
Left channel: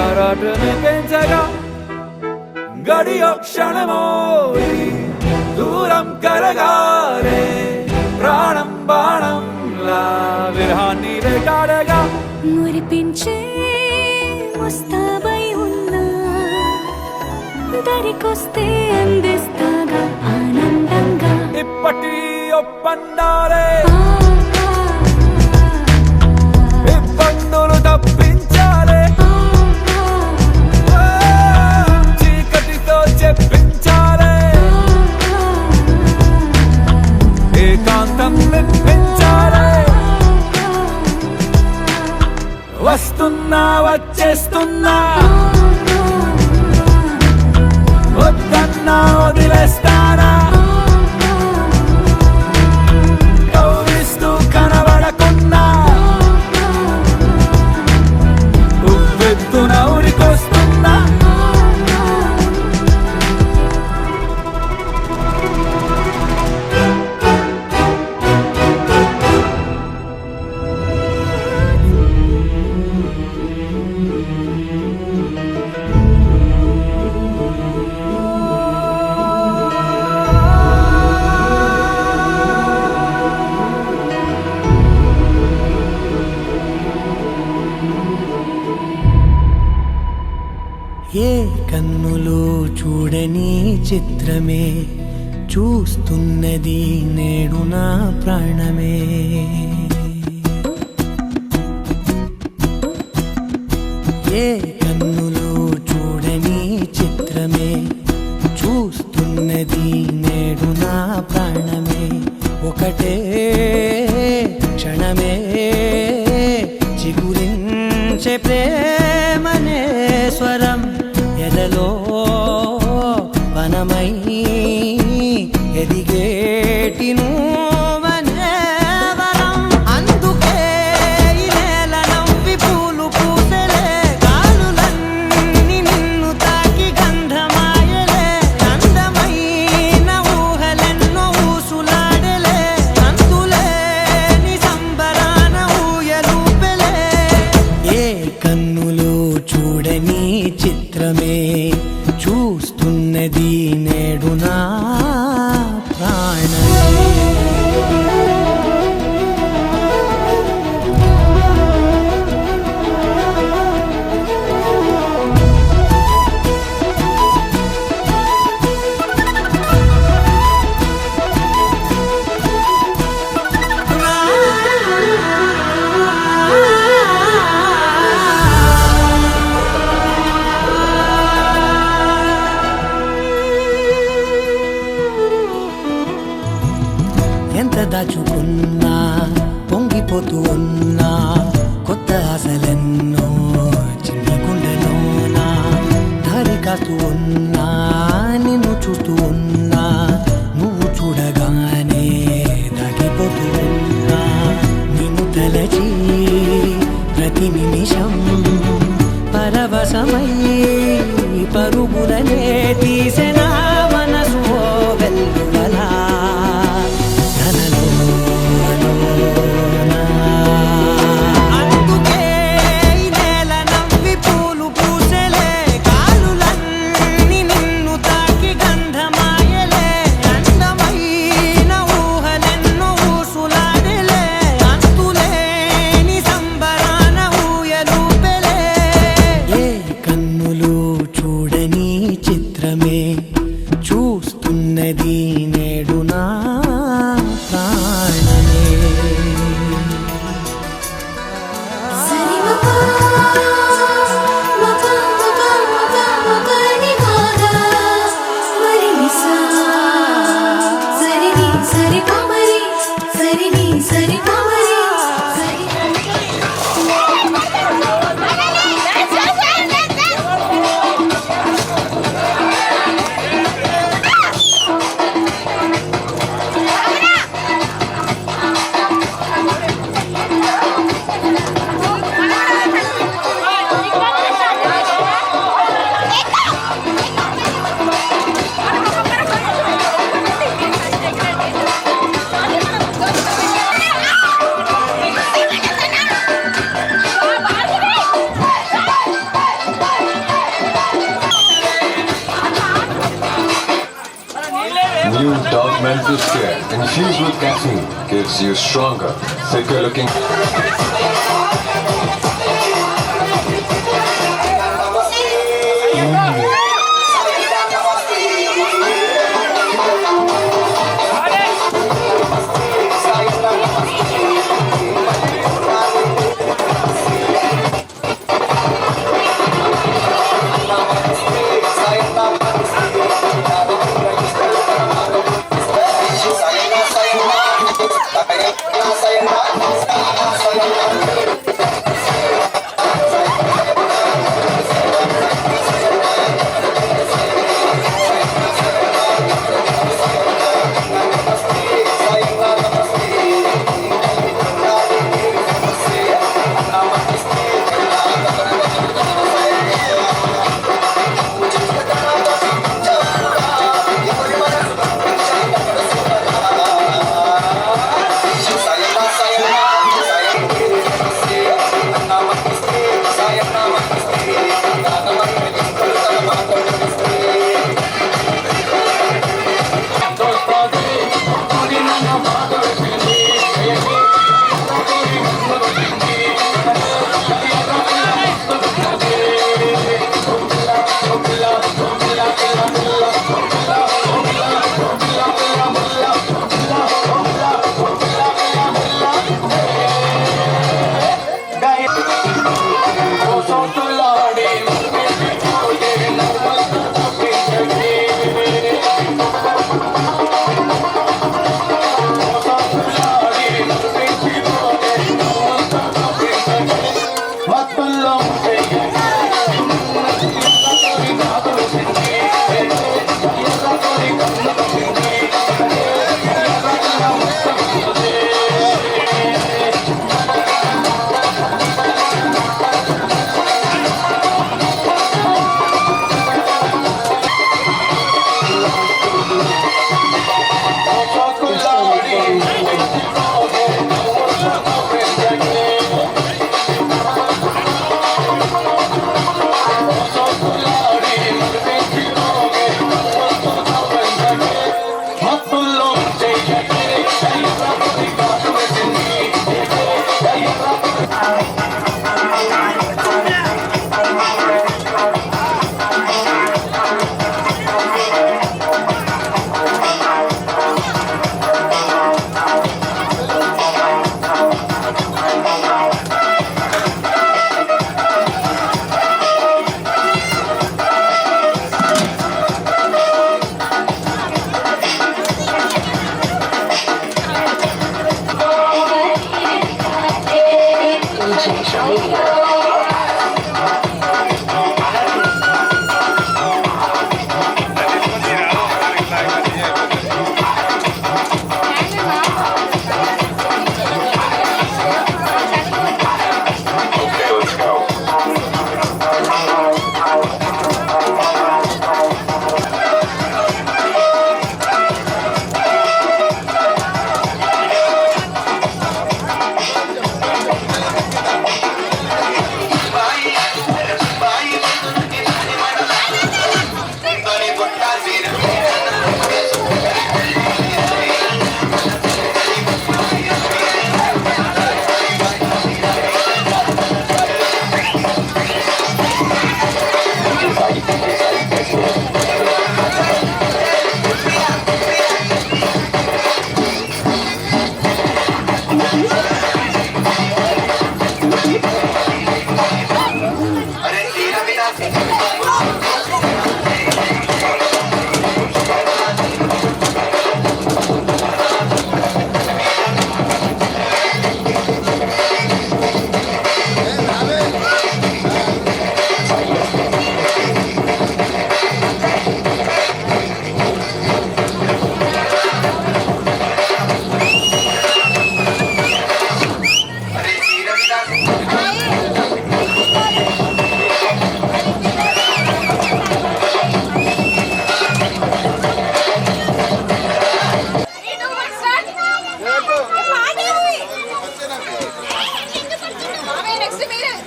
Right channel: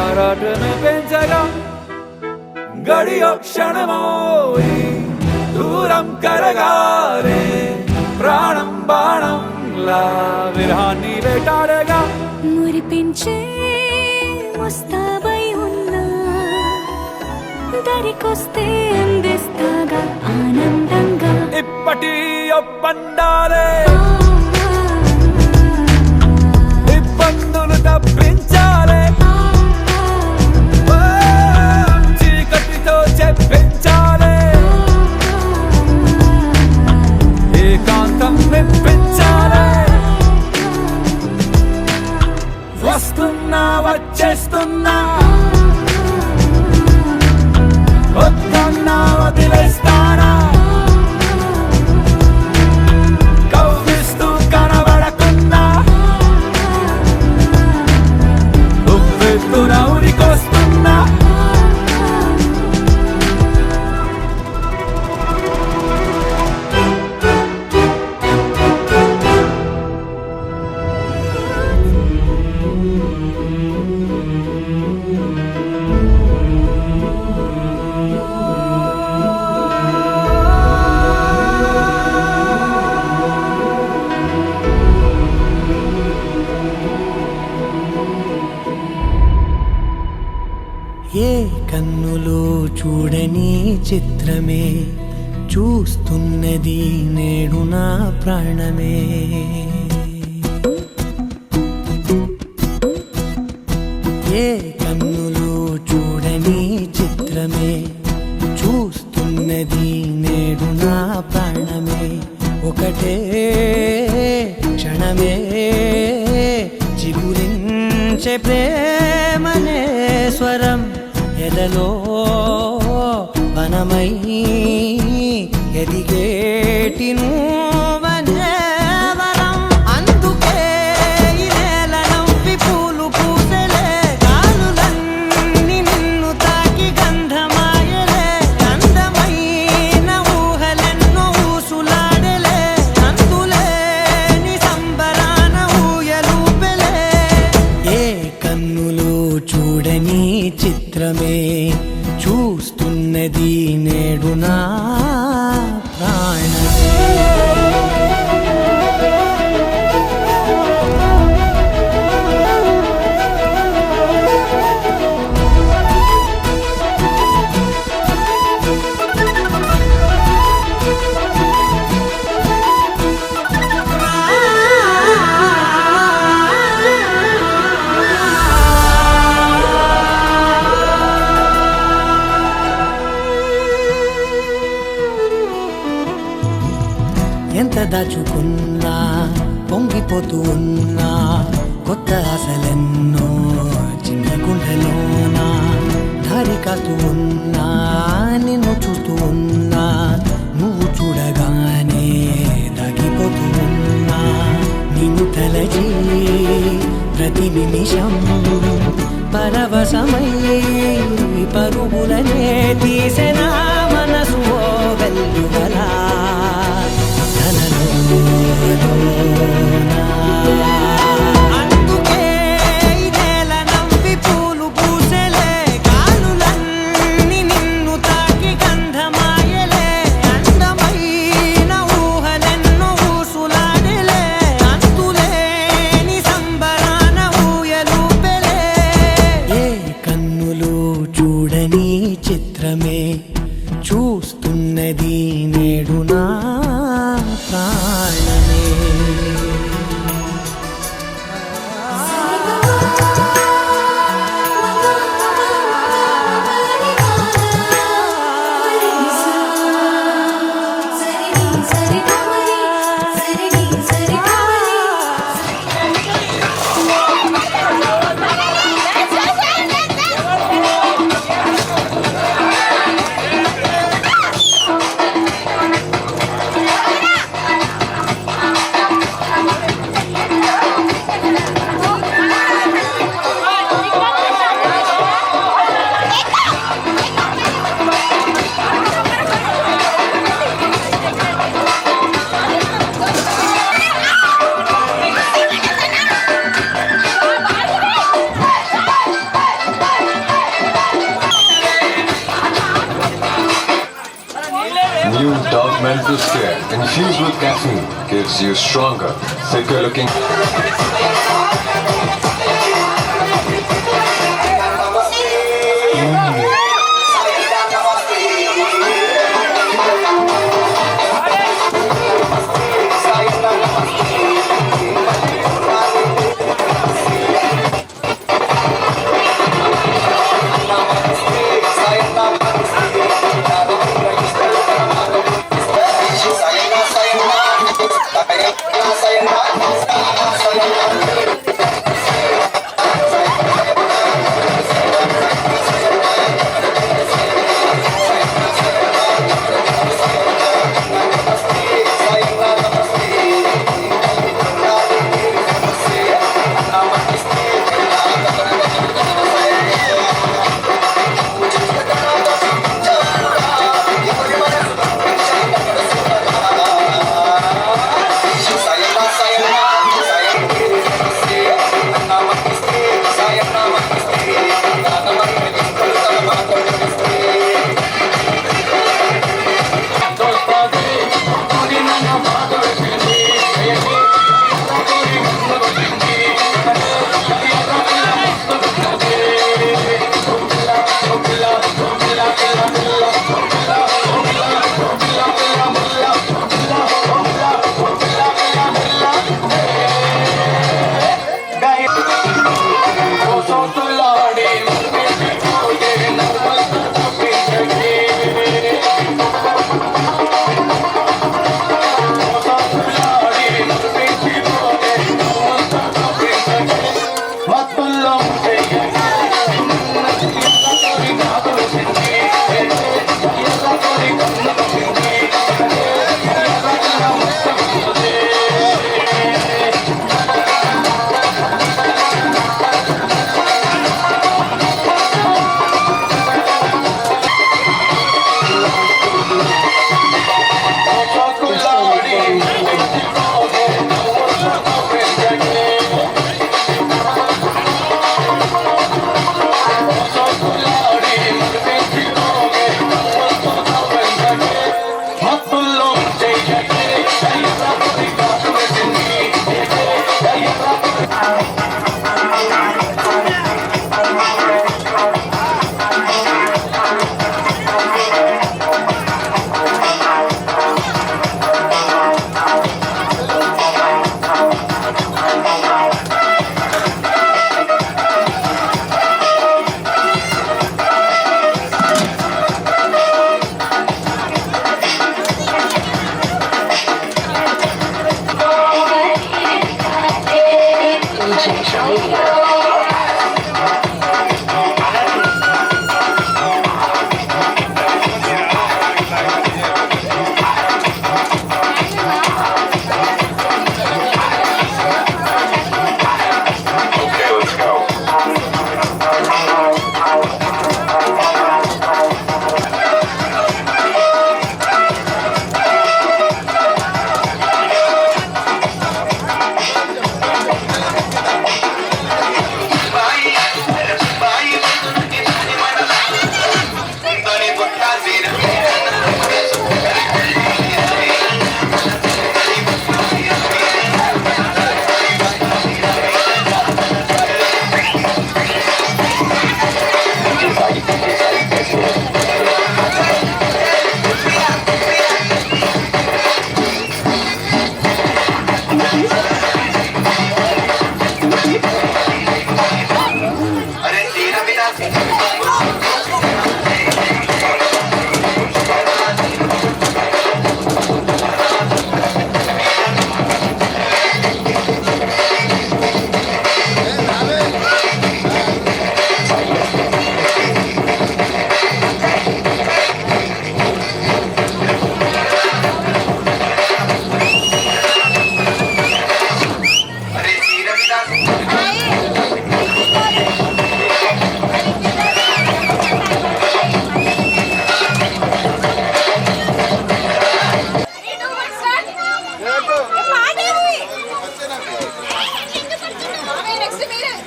ఆరాటమే పెంచగా గడియో క్షణమోయి దూరం కరగాలే ప్రాణం బాణంలా విరహాన్ని వేటాడగా మురిపించే ముస్తాబై ఉన్నా దరికొస్తే అందిస్తాగా ఆనందంగా ఇప్పటి ఒప్పందాలే ఇబ్బందులు తప్పించాలే చీకటితో చెప్పించాలే ఏకాంతం నిప్పించాలే. వస్తున్నా వచ్చేస్తున్నా వద్దన్నా వదిలేస్తారా కవ్విస్తూ కనబడకుండా ఉవ్వెత్తున ఉరికొస్తున్నా. ఏ కన్నులో చూడని చిత్రమే చూస్తున్నది నేడు నా ప్రాణమే. ఏ కన్నులో చూడని చిత్రమే చూస్తున్నది నేడు నా ప్రాణమే. ఒకటే క్షణమే చిగురించే ప్రేమనే స్వరం ఎదలో వనమై ఎదిగేటి నువ్వనే వరం. అందుకే ఈ నేల నవ్వి పూలు పూసెలే గాలులన్నీ నిన్ను తాకి గంధమాయలే. అందమైన ఊహలెన్నో ఊసులాడలే చూడని చిత్రమే చూస్తున్నది నేడు నా ప్రాణమే ఎంత దాచుకున్నా పొంగిపోతూ ఉన్నా కొత్త ఆశలెన్నో చిన్ని గుండెలోనా దారి కాస్తూ ఉన్నా నిన్ను చూస్తూ ఉన్నా నువ్వు చూడగానే దాగిపోతూ ఉన్నా నిన్ను తలచి ప్రతి నిమిషం పరవశమై పరుగులనే తీసెనా మనసు ఓ వెల్లువలా అందుకే ఈ నేల నవ్వి పూలు పూసెలే గాలులన్నీ నిన్ను తాకి గంధమాయలే అందమైన ఊహలెన్నో ఊసులాడలే అంతులేని సంబరాన ఊయలూపెలే ఏ కన్నులు చూడని చిత్రమే చూస్తున్నది నేడు నా ప్రాణమే New Dove Mental Care infused with caffeine gives you stronger, thicker looking.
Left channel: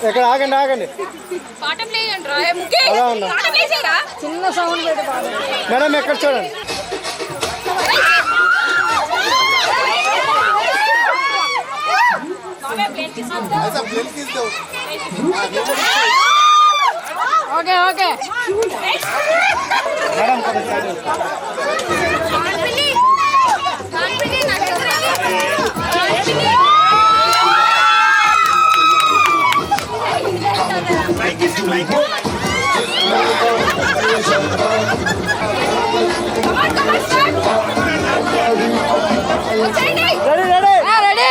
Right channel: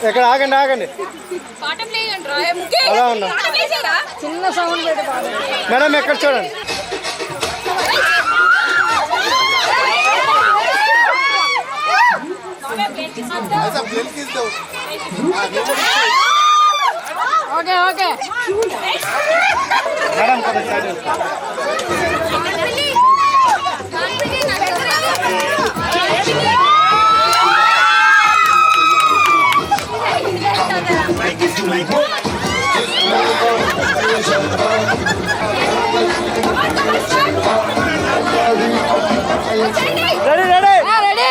ఎక్కడ ఆగండి ఆగండి అలా ఉన్నా చిన్న సౌండ్ పెట్టి పాడు. మేడం ఎక్కడ చూడండి ఓకే ఓకే మేడం కొంచెం సైడ్ రెడీ రెడీ రెడీ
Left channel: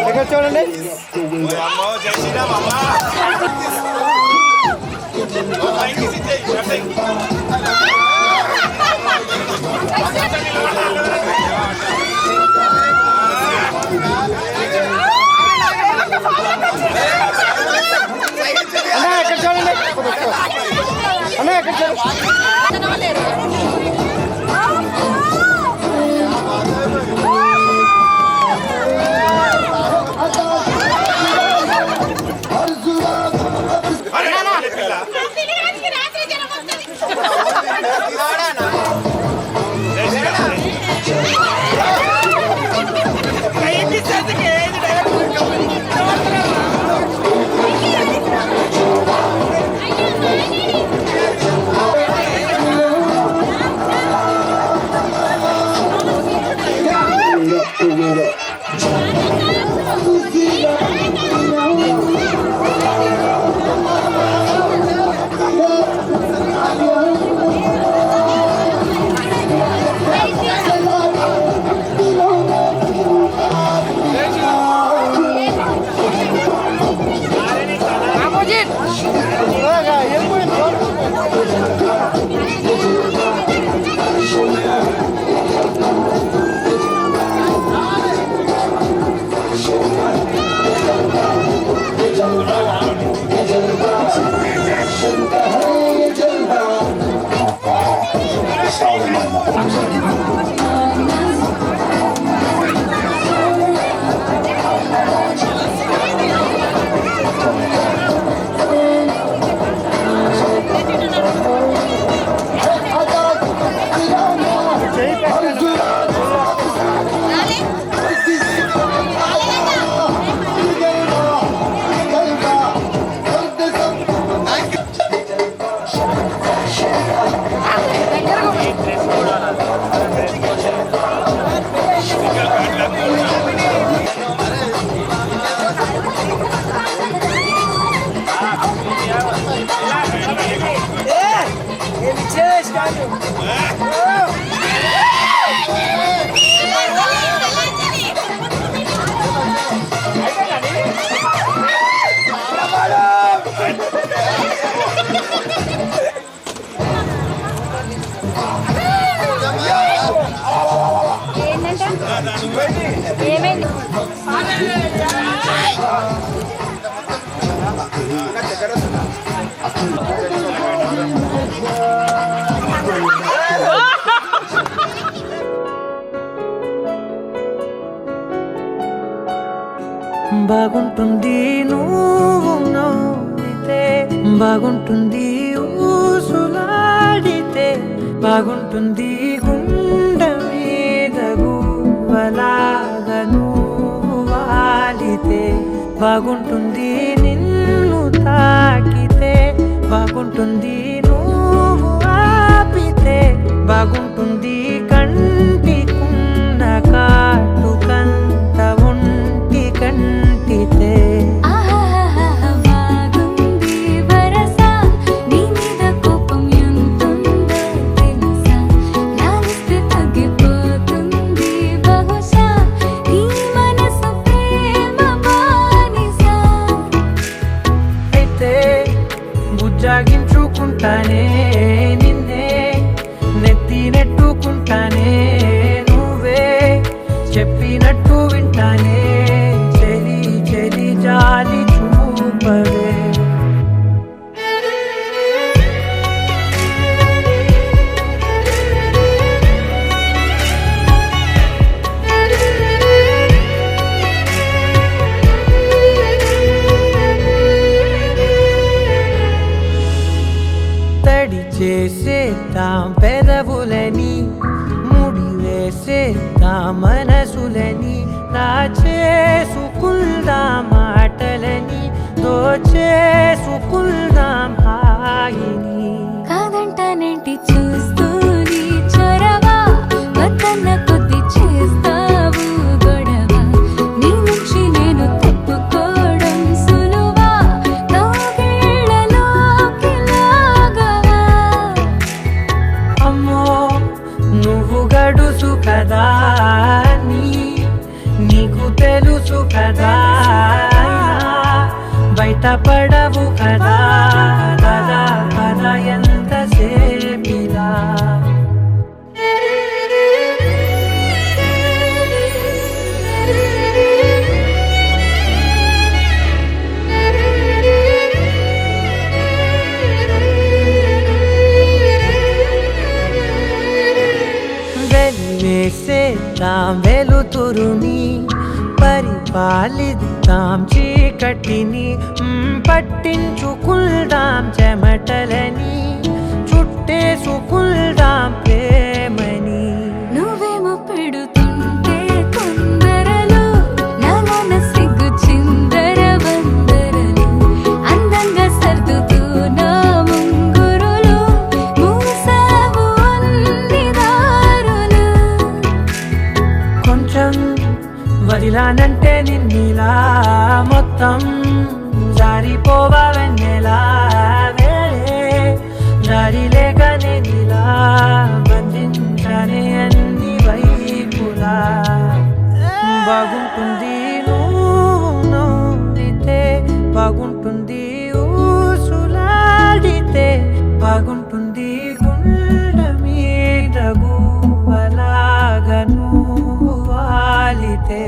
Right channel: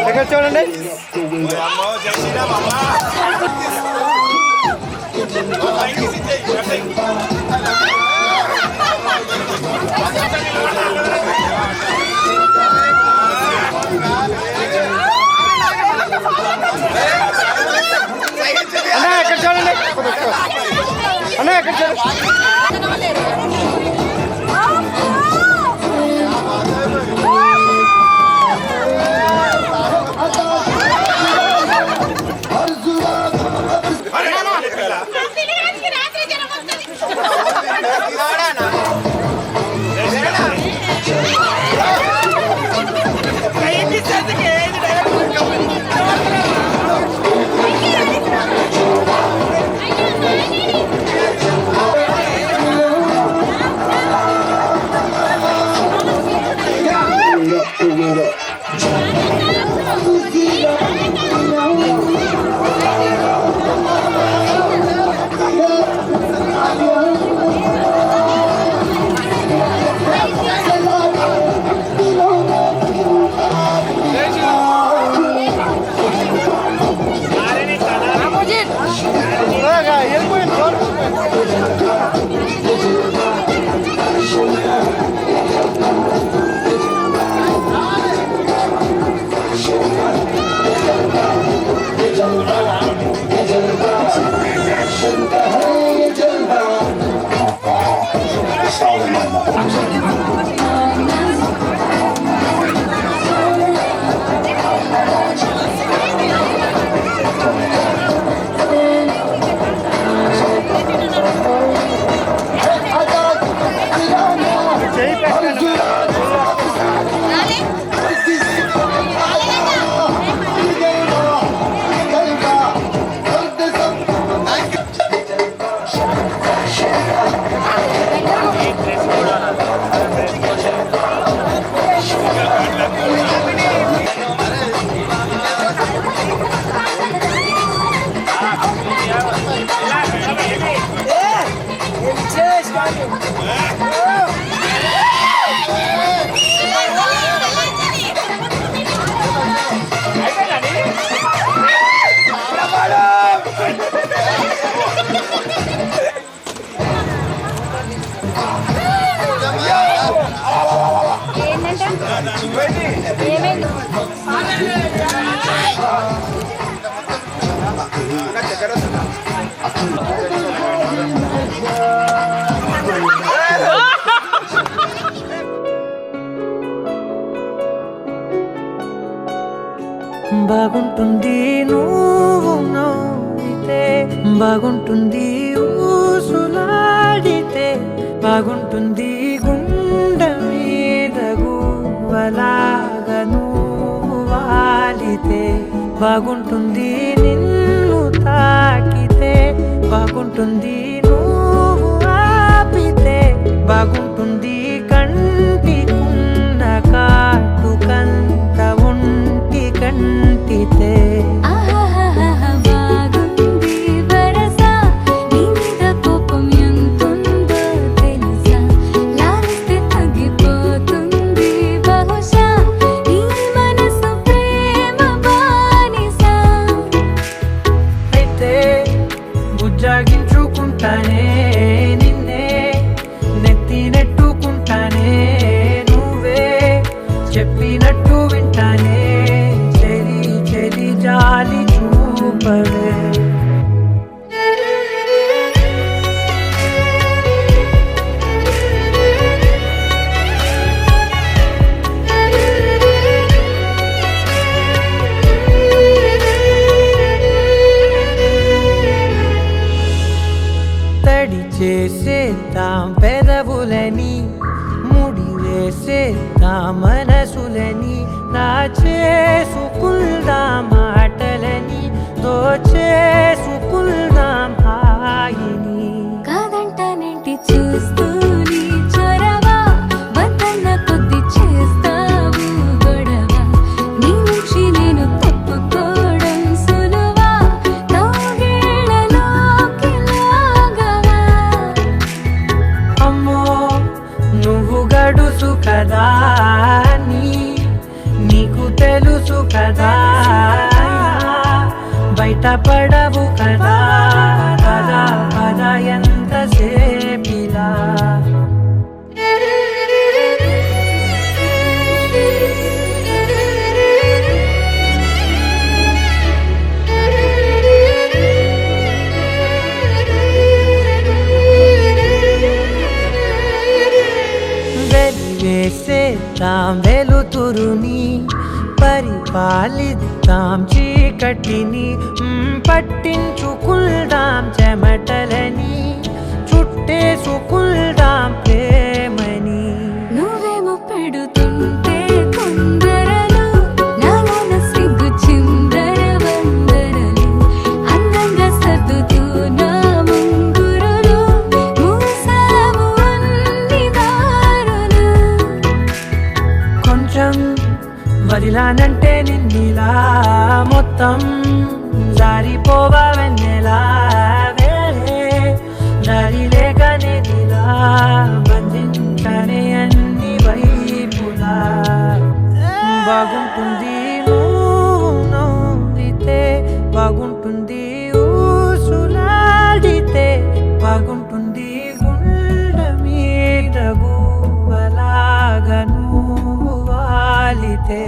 ఎక్కడ చూడండి అన్నా ఎక్కడ చూడండి అన్నా ఎక్కడ చూడండి బాగుంటుంది నువ్వు నవ్వితే, బాగుంటుంది ఊసులాడితే, బాగుంటుంది గుండె మీద గువ్వలాగా నువ్వు వాలితే, బాగుంటుంది నిన్ను తాకితే, బాగుంటుంది నువ్వు ఆపితే, బాగుంటుంది కంటికున్న కాటుకంత ఒంటి కంటితే. బాగుంది వరస నీ మీద కోపం ఎంతుందో తెలుసా, లాలిస్తే తగ్గిపోతుంది బహుశా నీ మనసు ప్రేమ బానిస. అయితే బుజ్జాగించుకుంటానే నిన్నే నెత్తి చేసేద్దాం పెదవులని, ముడి వేసేద్దాం మనసులని, నా చేసుకుందాం మాటలని, దోచేసుకుందాం హాయిని. కాదంటానేంటి చూస్తూని చొరవా, వద్దన్న కొద్ది చేస్తావు గొడవ, నీ నుంచి నేను తప్పుకోవడం సులువా, కౌగిళ్ళలోకి లాగవా. అమ్మో నువ్వు గడుసు కదా నీకు తెలుసు కదా, బయట పడవు కదా పద పద ఎంతసేపిలా. వెలివేసేద్దాం వెలుతురుని, పరిపాలిద్దాం చీకటిని, పట్టించుకుందాం చెమటలని, చుట్టేసుకుందాం ప్రేమని. నువ్వేమో పెడుతుంటే తొందరలు, నాలోన సిగ్గు చిందర వందరలు, అందంగా సర్దుతూ నా ముంగురులు, మూసావు అన్ని దారులు. కొంచెం వదిలానంటే నిన్నిలా, మొత్తం జారిపోవా వెన్నెలా, వేరే దారి లేక నేనిలా బంధించనే అన్ని వైపులా. బాగుంటుంది నువ్వు నవ్వితే, బాగుంటుంది ఊసులాడితే, బాగుంటుంది గుండె మీద గువ్వలాగా నువ్వు వాలితే.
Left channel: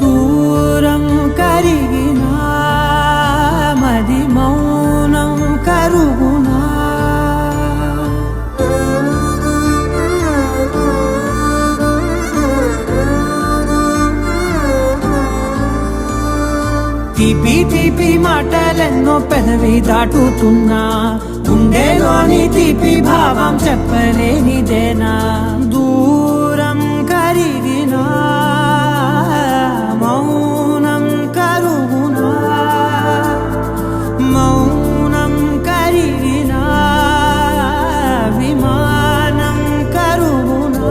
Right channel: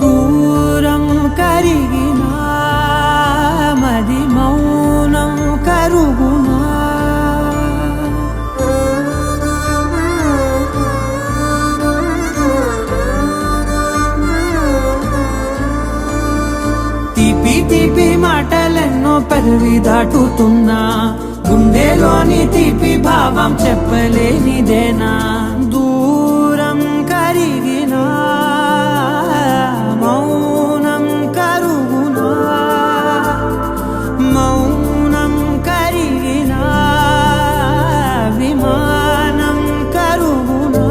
దూరం కరిగినా మది మౌనం కరుగునా, తీపి తీపి మాటలెన్నో పెదవి దాటుతున్నా, గుండెలోని తీపి భావం చెప్పలేనిదేనా. దూరం కరిగినా మౌనం కరుగునా, మౌనం కరిగినా విమానం కరుగునా.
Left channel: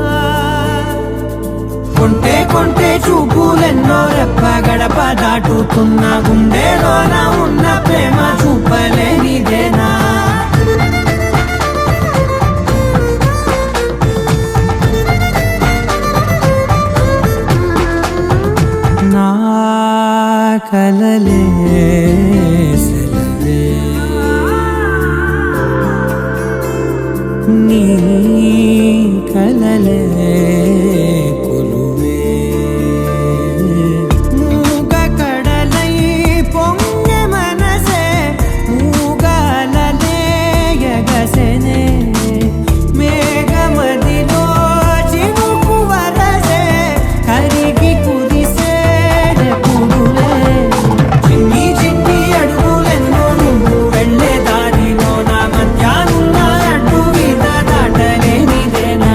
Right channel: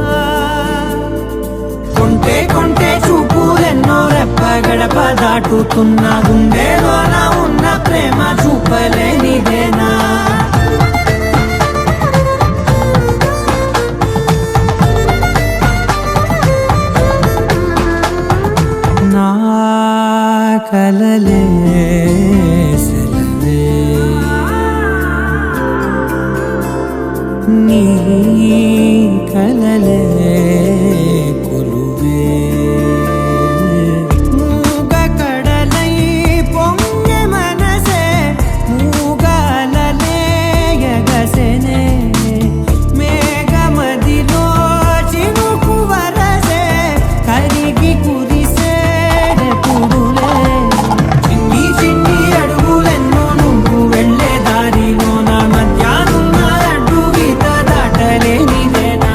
కొంటే కొంటే చూపులెన్నో రెప్ప గడప దాటుతున్న, గుండెలోన ఉన్న ప్రేమ చూపలేనిదేనా. నా కలలే సెలవే, నీ కలలే కొలువే, మూగ కడలై పొంగె మనసే, మూగాలలే ఎగసెనే, మేఘమదిలో చినుకు వరసే, కరిగి కురిసేడెప్పుడులే. చిన్ని చిన్ని అడుగులెన్నో నువ్వు వెళ్ళే దారిలో, నా మధ్యానున్న అడ్డు గీత దాటలేనిదేనా.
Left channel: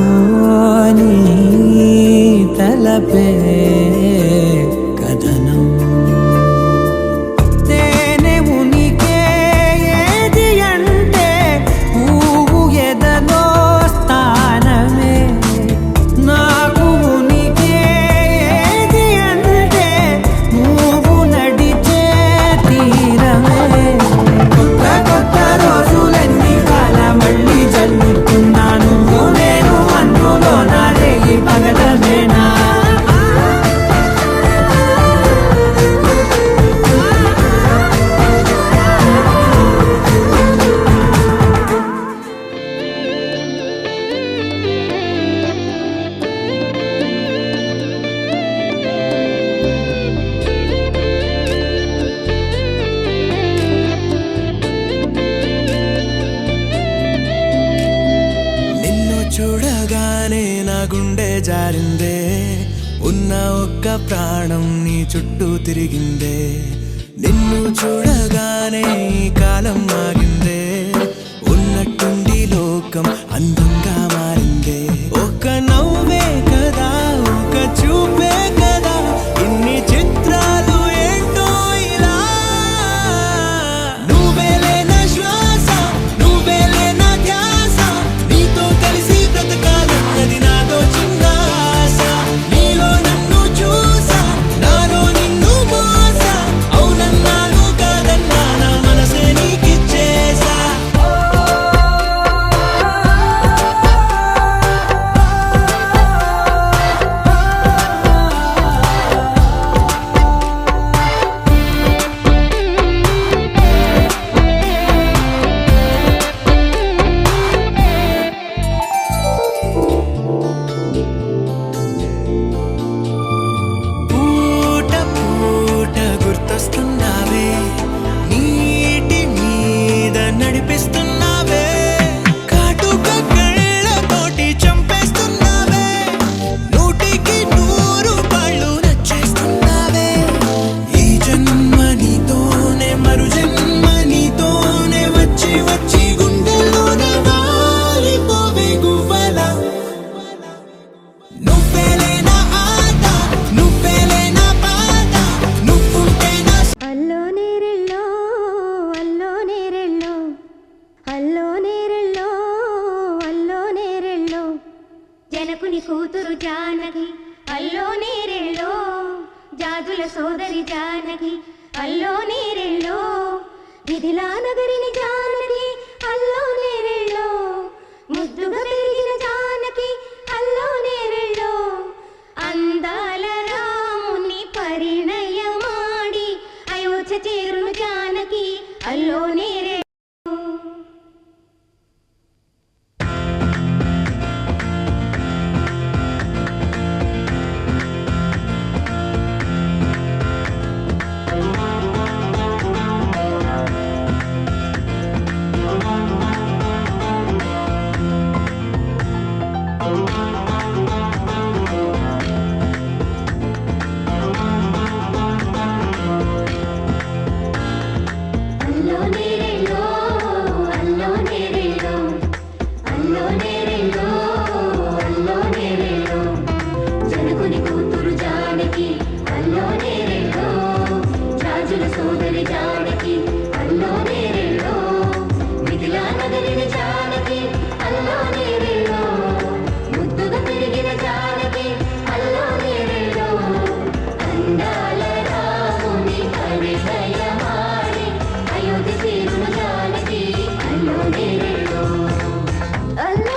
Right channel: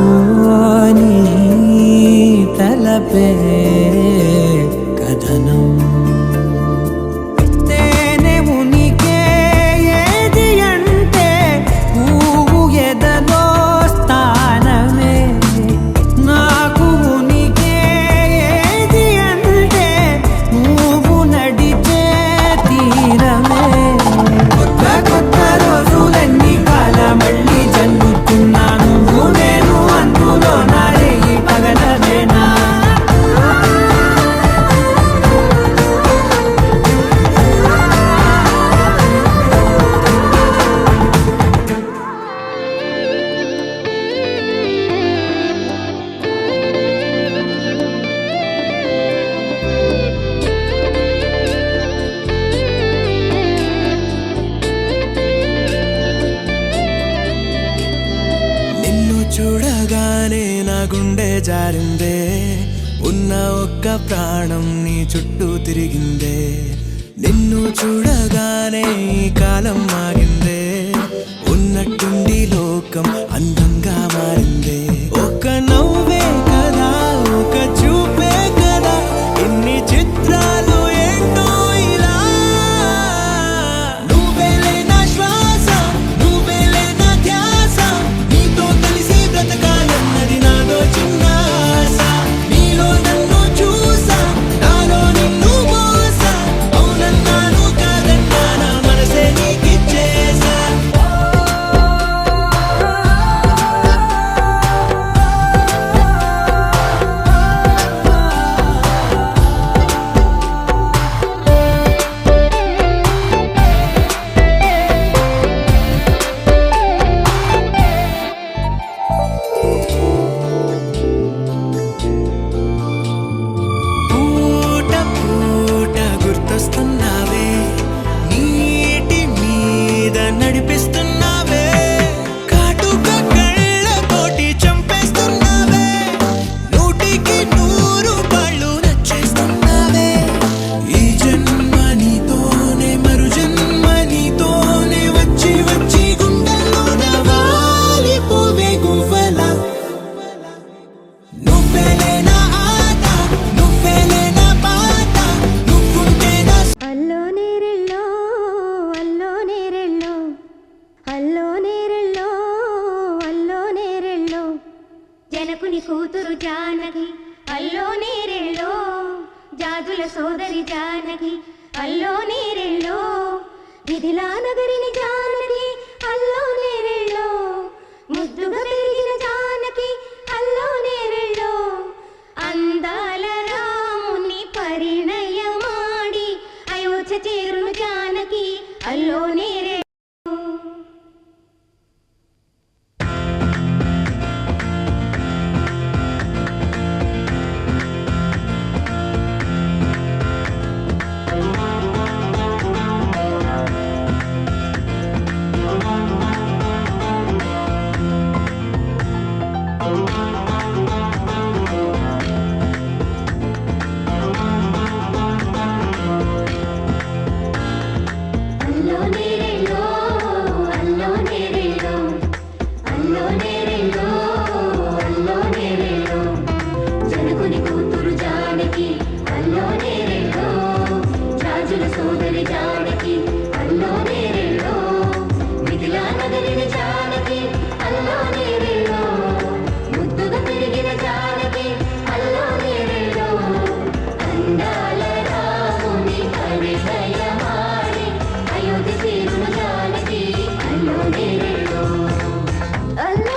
ఓని తలపే కథనం తేనె ఉనికే ఏది అంటే పువ్వు ఎదలో స్థానమే నాకు ఉనికే ఏది అంటే నువ్వు నడిచే తీరమే కొత్త కొత్త రోజులన్నీ కాల మళ్ళీ జల్లుతున్నాను నేను అందులో నారేగి పగలవేనా నిన్ను చూడగానే నా గుండె జారిందే ఉన్న ఒక్క ప్రాణం నీ చుట్టూ తిరిగిందే నిన్ను చూడగానే ఈ కాలం ఆగిందే ఉన్నట్టుండి లోకం అందంగా మారిందే ఒక నవ్వే కదా ఒక చూపే కదా ఇన్ని చిత్రాలు ఏంటో ఇలా నువ్వేలే నా శ్వాస నువ్వేలే నా ధ్యాస నీతో కలిసి బ్రతకాలన్నది నాదో చిన్న ఆశ నీలో నన్ను చూసా నాలో నిన్ను మోసా అవునన్నాను కాదన్నా నా మనసే నీకిచ్చేసా పూట పూట గుర్తొస్తున్నావే నీటి మీద నడిపిస్తున్నావే కాటుక కళ్ళతోటి చంపేస్తున్నావే నూటికి 100 పళ్ళు నచ్చేస్తున్నావే ఈ జన్మ నీతోనే మరు జన్మ నీతోనే వచ్చి వచ్చి గుండెల్లోన వాలిపోవే గువ్వలా నువ్వేలే నా ఆట నువ్వేలే నా బాట నువ్వుంటే నా అల్లో నేరెళ్ళో అల్లో నేరెళ్ళో అల్లో నేరెళ్ళో అల్లో నేరెళ్ళో జనకుని కూతురు జానకి అల్లో నేరెళ్ళో జాదుల సోదరి జానకి అల్లో నేరెళ్ళో మిథిలా నగరిని జానకి అల్లో నేరెళ్ళో ముద్దుగా పెరిగిన జానకి అల్లో నేరెళ్ళో అందాల రాముని పరిణయమాడి అయోధ్య చేరును జానకి అల్లో నేరెళ్ళో అల్లో నేరెళ్ళో అల్లో నేరెళ్ళో అల్లో నేరెళ్ళో అల్లో నేరెళ్ళో జనకుని కూతురు జానకి అల్లో నేరెళ్ళో రాజుల సోదరి జానకి అల్లో నేరెళ్ళో మిథిలా నగరిని జానకి అల్లో నేరెళ్ళో ముద్దుగా పెరిగిన జానకి అల్లో నేరెళ్ళో అందాల రాముని పరిణయమాడి అయోధ్య చేరును జానకి అల్లో నేరెళ్ళో అల్లో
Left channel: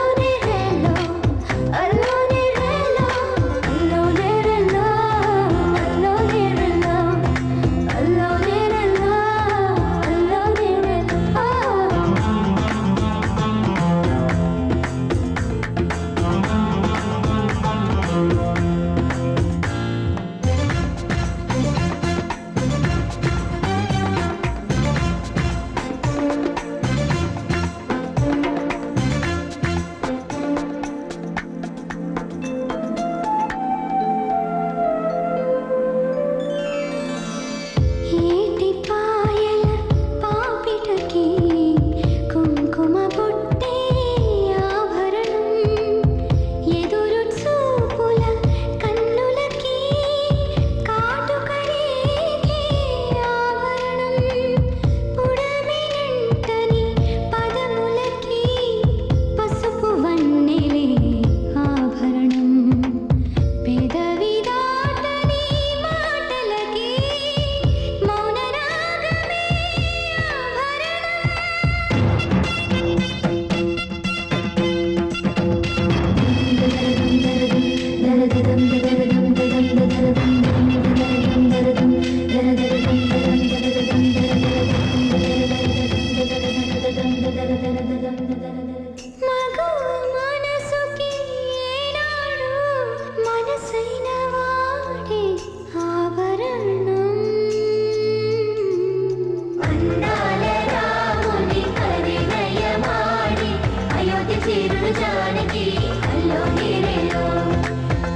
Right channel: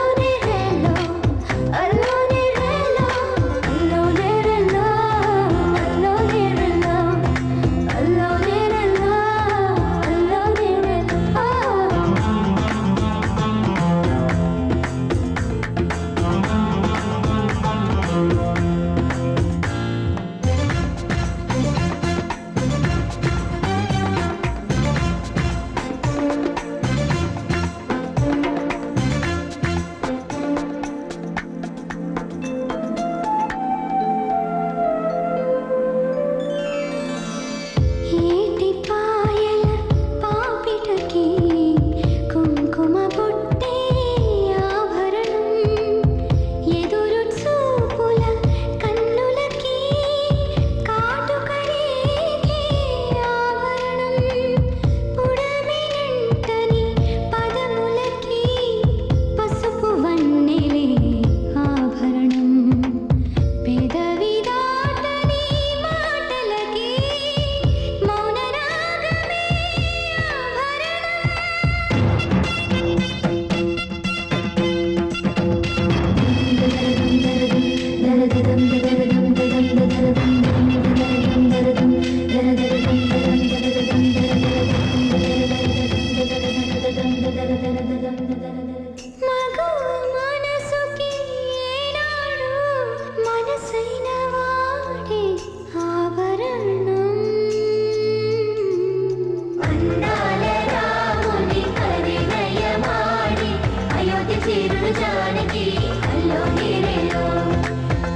సిరులు జానకి అల్లో నీరెలో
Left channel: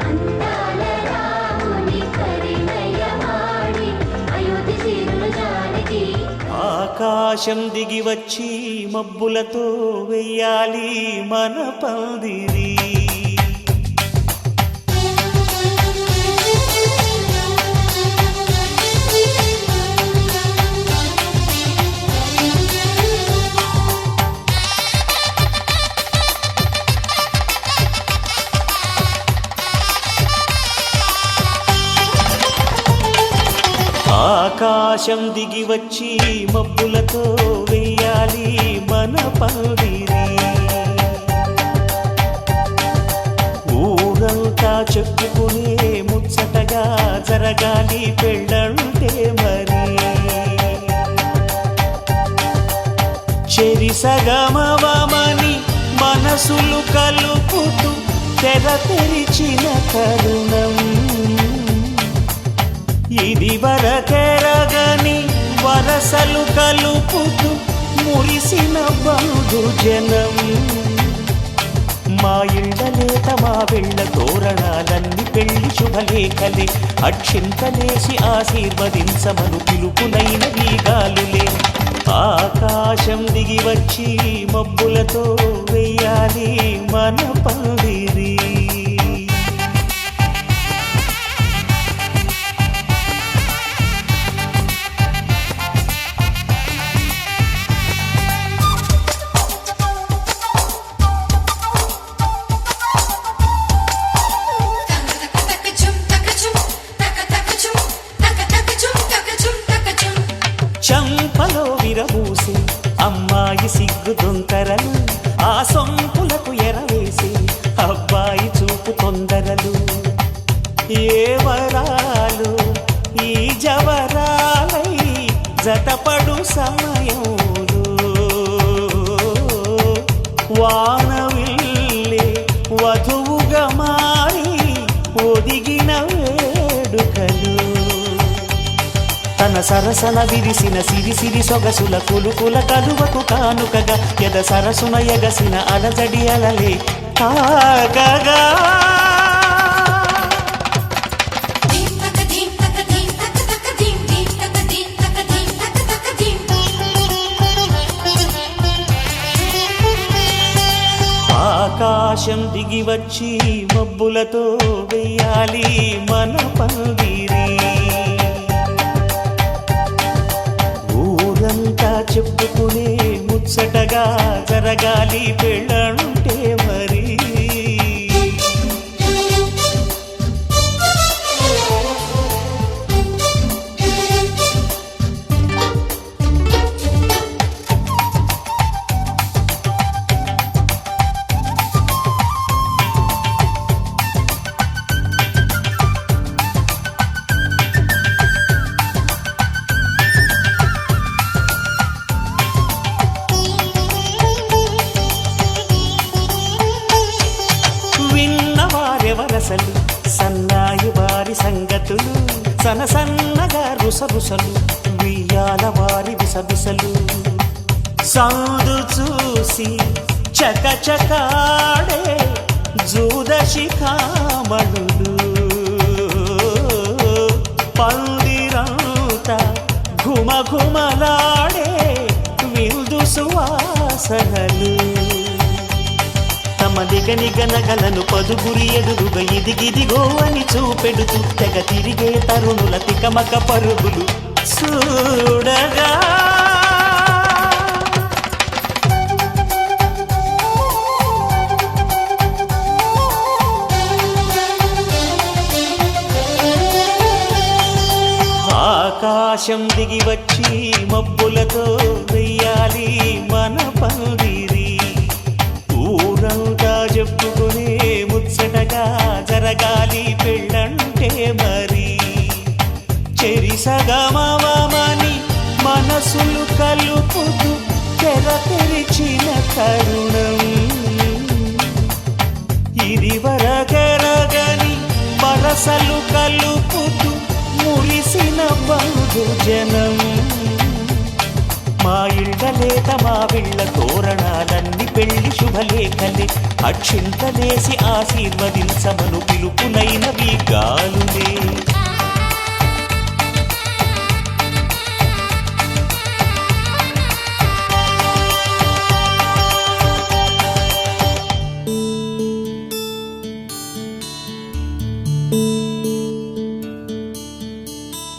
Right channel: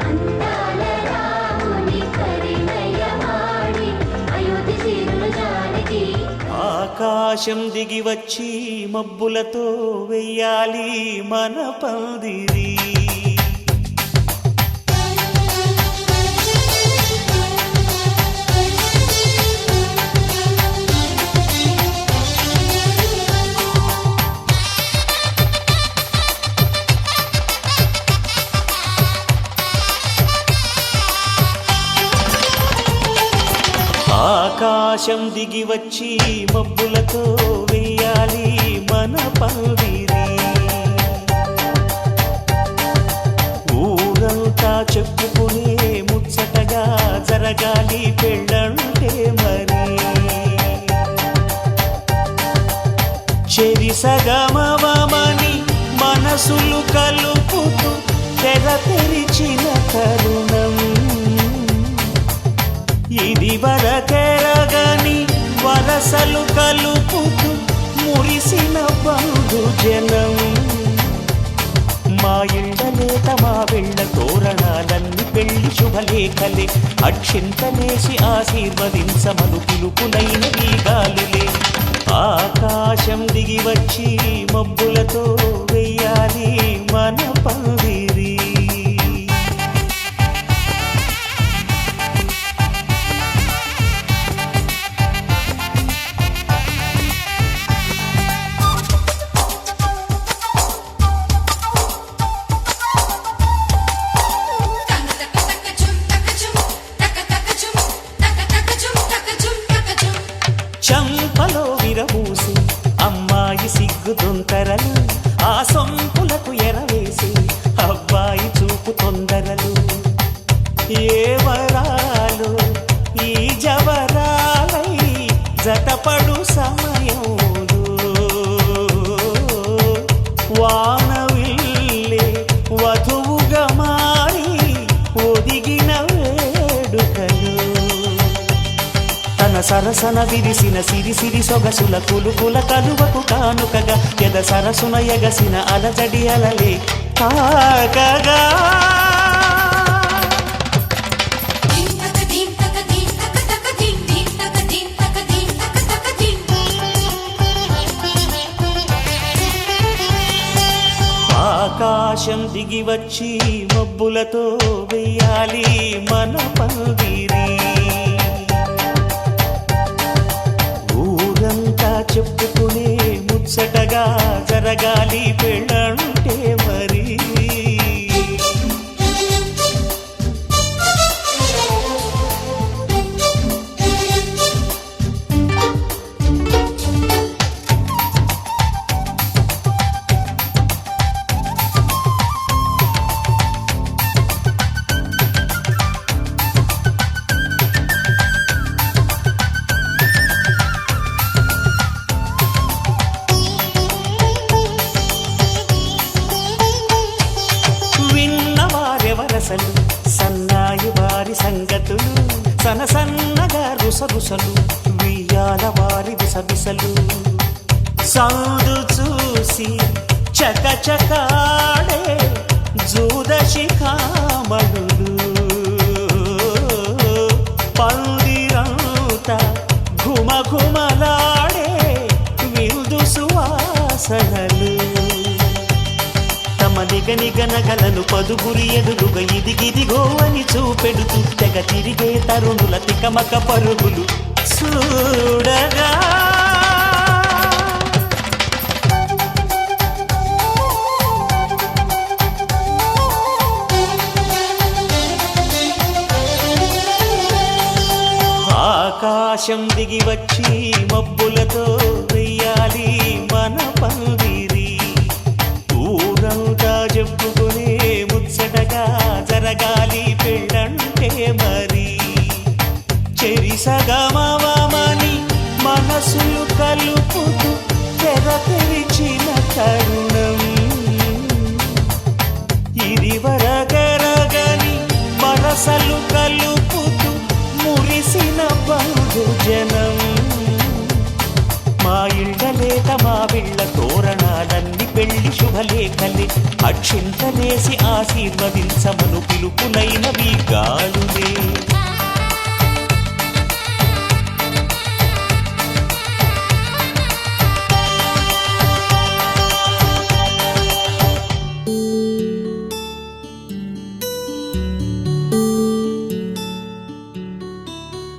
అందాల రాముని కరినయమాడి అయోధ్య సిరులు జానకి ఆకాశం దిగి వచ్చి మబ్బులతో వెయ్యాలి మన పందిరి. ఆకాశం దిగి వచ్చి మబ్బులతో వెయ్యాలి మన పందిరి. ఊరంతా చెప్పుకునే ముచ్చటగా జరగాలి పెళ్ళంటే మరి. చెరిసగమవమని మనసులు కలుపుతూ తెర తెరిచిన తరుణం ఇది వరకెరగని వరసలు కలుపుతూ మురిసిన బంధు జనం. మా ఇళ్ళలేత మా వెళ్ళ తోరణాలన్నీ పెళ్లి శుభలేఖలే అక్షింతలేసి ఆశీర్వదించమను పిలుపులైన వీగాలులే. ఆకాశం దిగి వచ్చి మబ్బులతో వెయ్యాలి మన పందిరి. చంపలో విరబూసి అమ్మాయి సిగ్గు దొంతరలు ఆ సొంపులకు ఎరవేసి అబ్బాయి చూపు తొందరలు. ఏ వరాలు ఈ జవరాలై జతపడు సమయంలో వానవిల్లే వధువుగా మారి ఒదిగిన వేడుకలు. తన సరసన విరిసిన సిరిసిరి సొగసుల కులుకుల కలువకు కానుకగా ఎద సరసున ఎగసిన అలజడి అలలే తాకగా. ఆకాశం దిగి వచ్చి మబ్బులతో వెయ్యాలి మన పందిరి. ఊరంతా చెప్పుకునే ముచ్చటగా జరగాలి పెళ్ళంటే మరి. విన్నవారెవరసలు సన్నాయి వారి సంగతులు సనసన్నగా రుసరుసలు వియ్యాల వారి విసబిసలు. సౌదు చూసి చకచకాడే జూదశిఖామణులు పందిరంతా ఘుమఘుమలాడే విందు సువాసనలు. తమ నిగనిగనగలను పదుగురి ఎదురుగా ఇదిగిదిగో అని చూపెడుతూ తెగ తిరిగే తరుణుల తికమక పరుగులు చూడగా. ఆకాశం దిగి వచ్చి మబ్బులతో వెయ్యాలి మన పందిరి. ఊరంతా చెప్పుకునే ముచ్చటగా జరగాలి పెళ్ళంటే మరి. చెరిసగమవమని మనసులు కలుపుతూ తెర తెరిచిన తరుణం ఇది వరకెరగని వరసలు కలుపుతూ మురిసిన బంధు జనం. మా ఇళ్ళలేత మా విళ్ళ తోరణాలన్ని పెళ్లి శుభలేఖలే అక్షింతలేసి ఆశీర్వదించమను పిలుపులైనవి గాలులే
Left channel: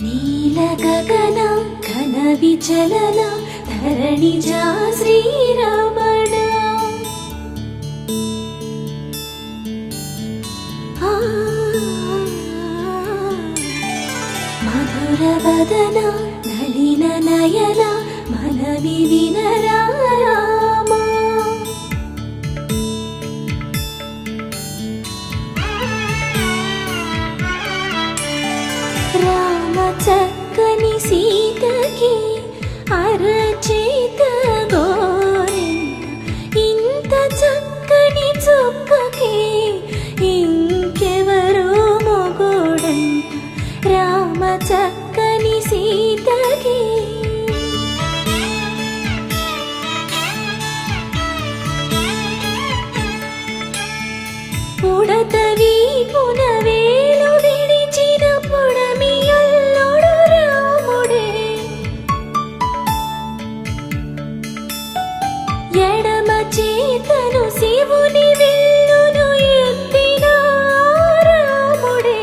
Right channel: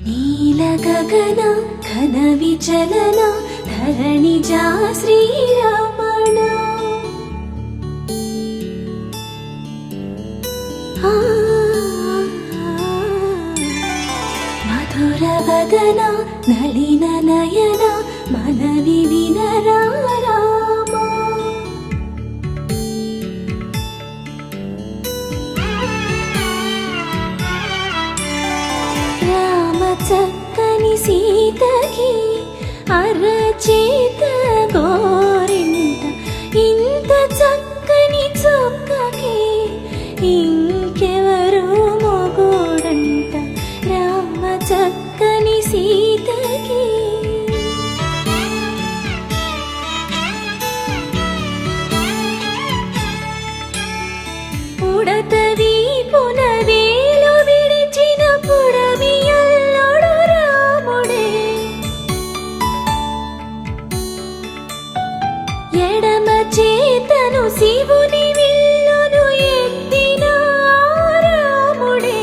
నీలగగన ఘన విచలన ధరణిజా శ్రీరమణ మధుర వదన నలిన నయన మనవి వినరా రామా రామ చక్కని సీతకి అరచేత గోరింట ఇంత చక్కని చుక్కకి ఇంకెవరు మొగుడంట రామ చక్కని సీతకి పుడతవి పునవేలు విడిచిన పుడమియల్లుడు రాముడే ఎడమ చేతను శివుని విల్లును ఎత్తిన రాముడే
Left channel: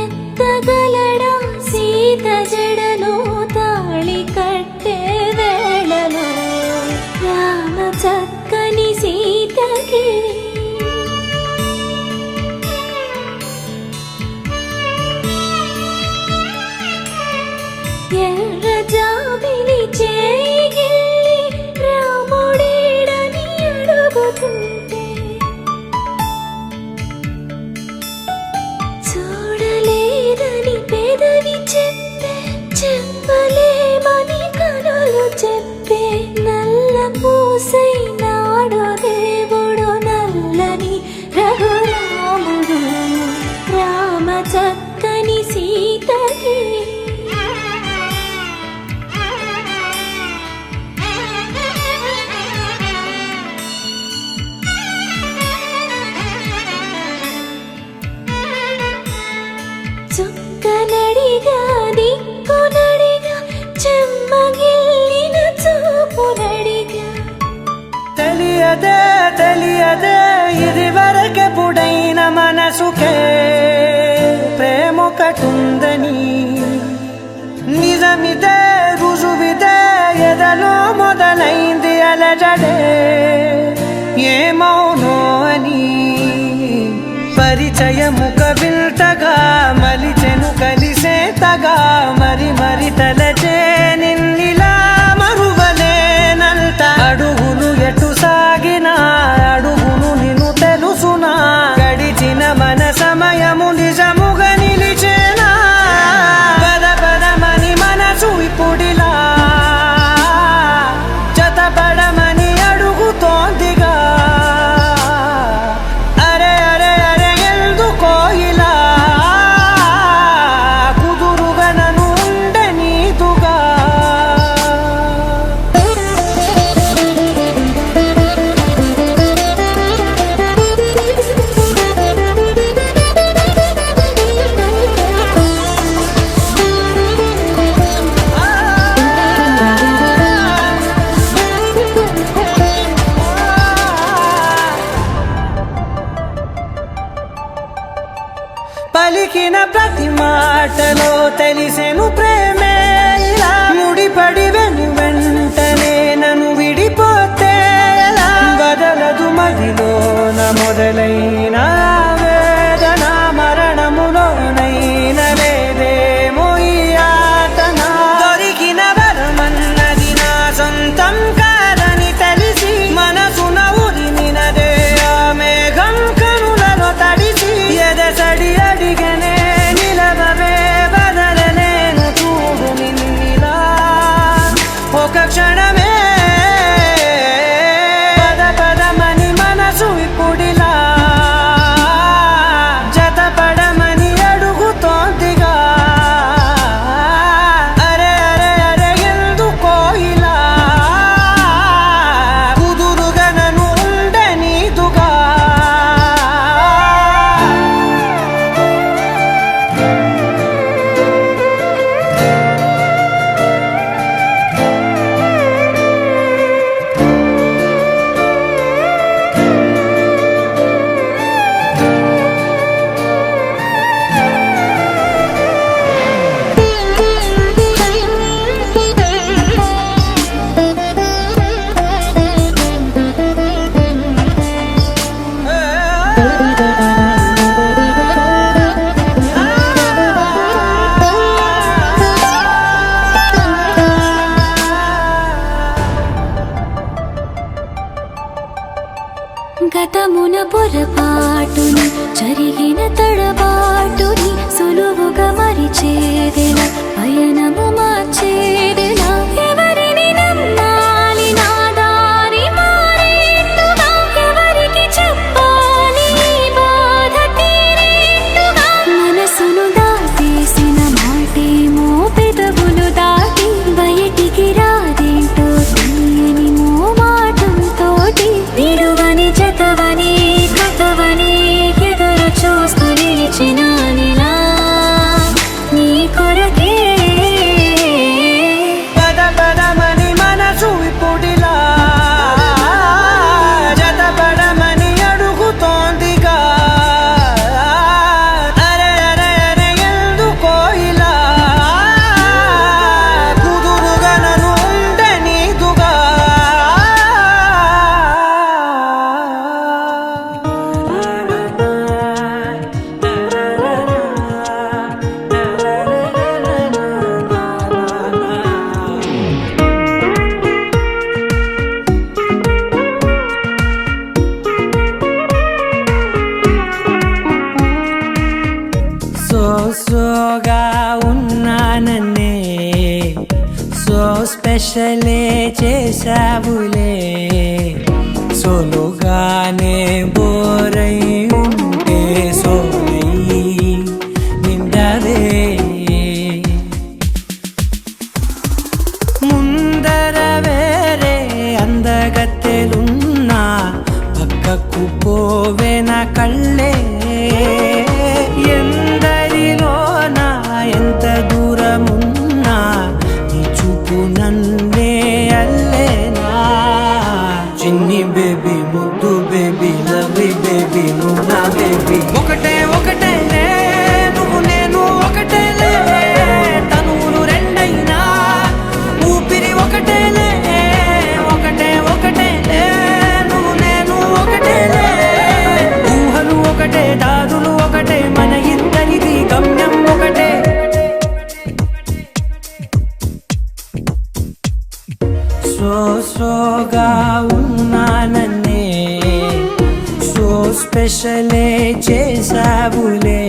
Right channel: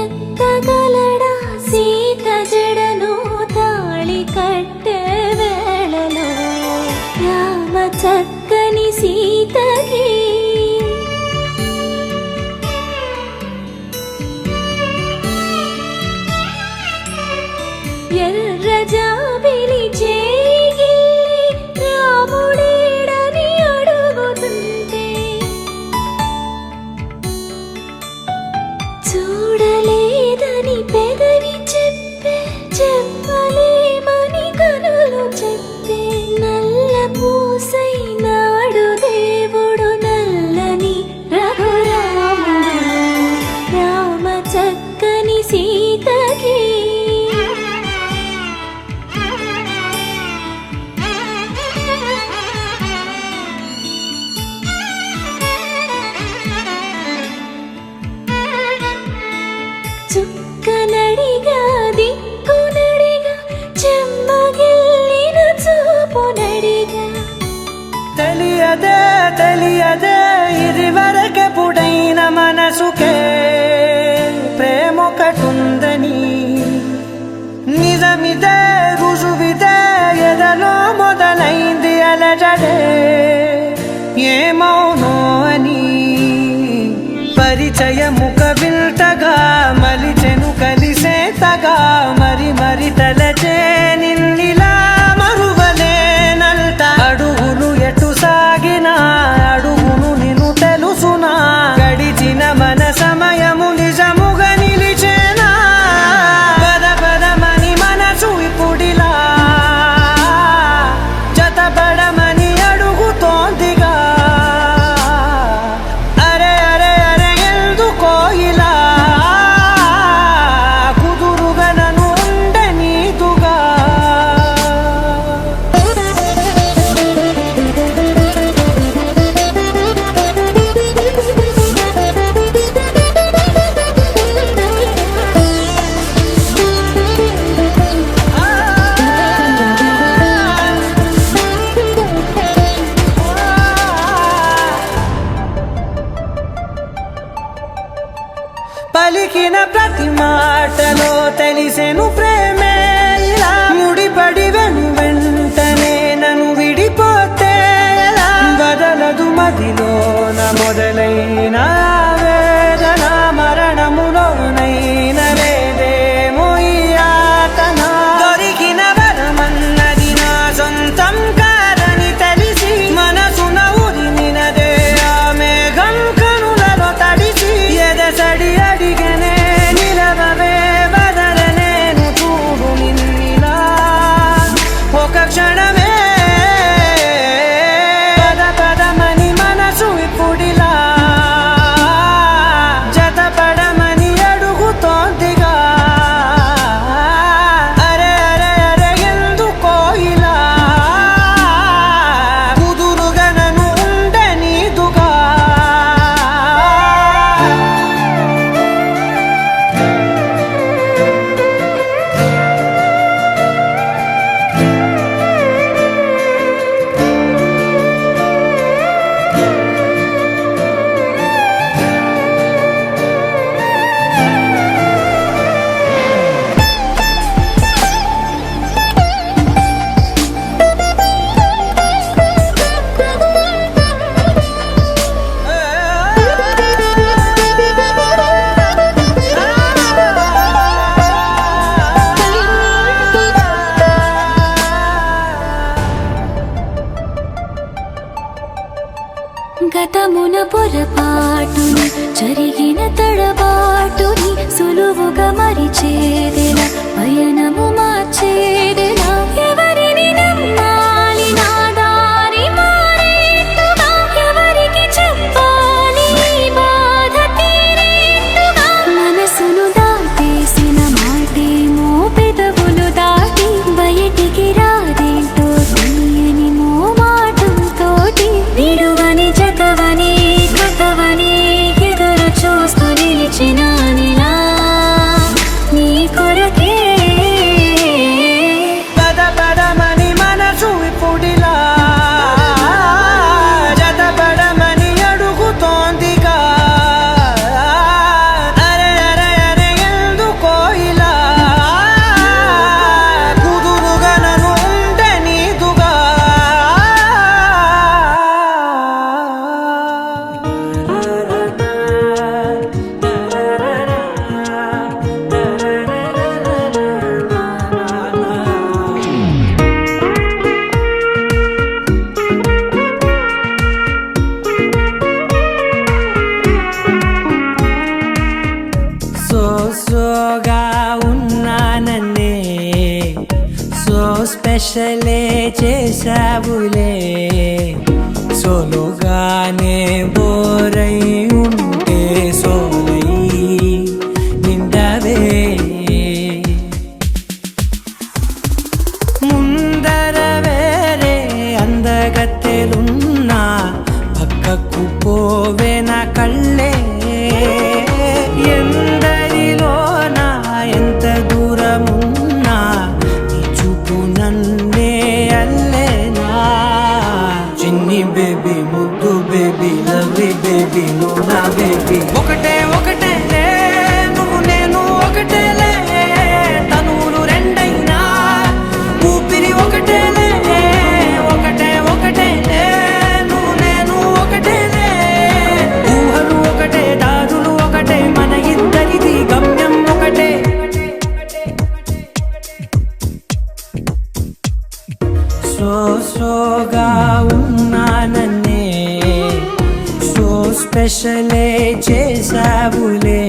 ఎత్తగలడా సీత జడను తాళి కట్టే వేళలో రామ చక్కని సీతకి ఎర్ర జాబిలి చేయి రాముడేడని అడుగుతుంటే చూడలేదని పెదవి చెప్పే చెప్పలేమని కనులు చెప్పే నల్ల పూసైనాడు దేవుడు నల్లని రఘురాముడు రామ చక్కని సీతకి చుక్కనడిగా దిక్కునడిగా చెమ్మగిల్లిన చూపునడిగా తెలియదే తెలియదే ఇది వరకెప్పుడైన మనసుకే ప్రేమొకటుందని నిజమిదే రుజువిదే ఎదలో మొదలైంది అలజడే ఏమౌనో అని పరిచయముక విల్తగా మలిచెను కలిసేతగా మరి మరి తలచే నిన్నిలా మరువలేనంత అడుగులు ఎటు సాగినా అడుగును నిన్ను తెలుసునా గడిచిన మన సమయము నిజముగా నిలిచేనా పద పదమని మనసు ఇప్పుడిలా జతపడమని అడుగుతోందిగా అరే అరే అరే ఎందుకో ఇలా కుదురుగా నన్ను ఉండనీదుగా పలికిన ప్రతి మాటలో తెలిసెను ప్రేమే ఇలా ముడిపడి వెంటనే నన్ను విడిపోతే ఎలా బదలదు మదిలోన మొదలైన వేదన మరణములోనైన లేదేమో ఈ యాతన దొరికిన వరమన్నది నా సొంతం కాదని తెలిసి మనసున ఉరిమినదే ఆ మేఘం కనులలో తడిసి ఎదసడి అడిగనే నిలవవే బదలలేను చూడు నిన్నిలా ఒక క్షణమే పద పదమని మనసు ఇప్పుడిలా గతమున పొరపాటుని జరిగిన తడబాటుని సులువుగా మరిచేదెలా పయనము మార్చేదెలా ఎవరిని నమ్మాలి నా దారి మారేట్టుగా ఎవరికి చెప్పాలి ఈ బాధ తీరేట్టుగా మనసును దాటేసిన మాటేమో పెదవులు దాటి బయటికి రాదేంటో తీయని మోమాటంతోటి విడువని జతవని కథవని ఎదురు చూస్తూ నిలిచినానిలా నీ కొరకే పద పదమని మనసు ఇప్పుడిలా జతపడమని అడుగుతోందిగా అరే అరే అరే ఎందుకో ఇలా కుదురుగా నన్ను ఉంటే నీదుగా సోగా ఉన్నానన్నే సో స్పెషలే చేసావులే సోలోగానే బోరై ఉంటే సోలై నిండవే ముందర వేరే అందగత్తెలున్నా పక్కకు పోవే నా కళ్ళే ఎందరిలోనా ఎంత దూరమున్నా నీ చూపు నన్నే అల్లేనా చిన్ని బేబీ ముద్దు బేబీ లవ్లీ బేబీ నువ్వు నా బేబీ ఒకటే ఒకటేలే నువ్వు నేను ఒకటేలే తనువులు రెండైనా ఊపిరి ఒకటేలే ఒకటే ఒకటేలే నువ్వు నేను ఒకటేలే ఊహలు ఒకటే దారులు ఒకటే మన ఇద్దరిది గమ్యం ఒకటే సోగా ఉన్నానన్నే సో స్పెషలే చేసావులే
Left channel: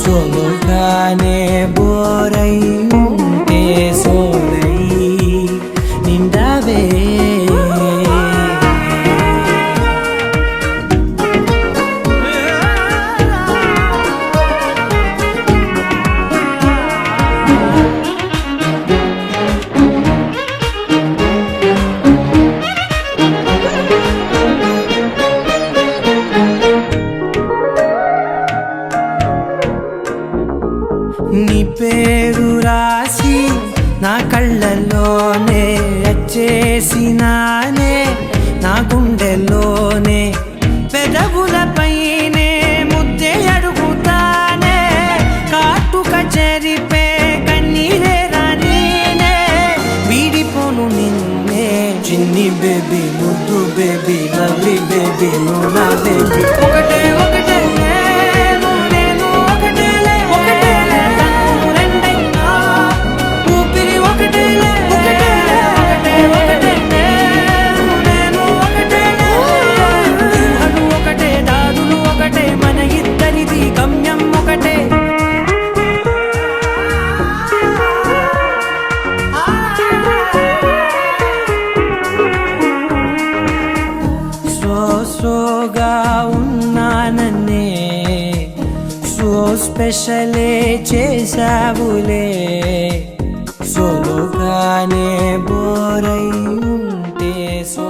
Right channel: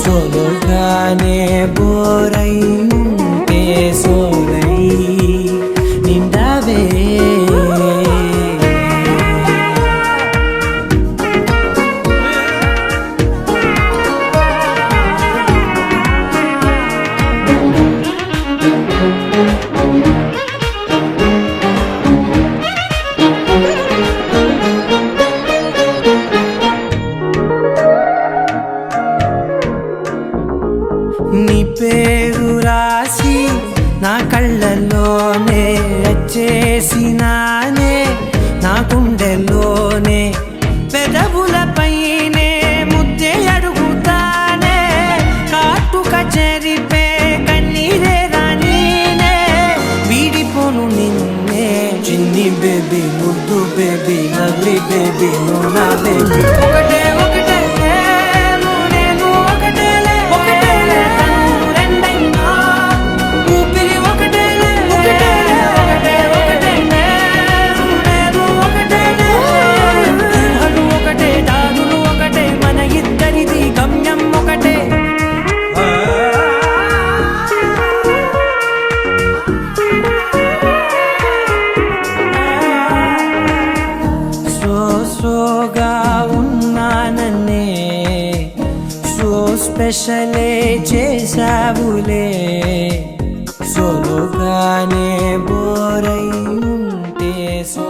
సోలోగానే బోరై ఉంటే సోలై నిండవే నీ పేరు రాసి నా కళ్ళల్లోనే వచ్చేసినానే నా గుండెల్లోనే పెదవులపైనే ముద్దే అడుగుతానే కాటుక చెరిపే కన్నీరే రానీనే వీడిపోను నిన్నే చిన్ని బేబీ ముద్దు బేబీ లవ్లీ బేబీ నువ్వు నా బేబీ ఒకటే ఒకటే గమ్యం ఒకటే సోగా ఉన్నానన్నే సో స్పెషలే చేసావులే సోలోగానే బోరై ఉంటే సో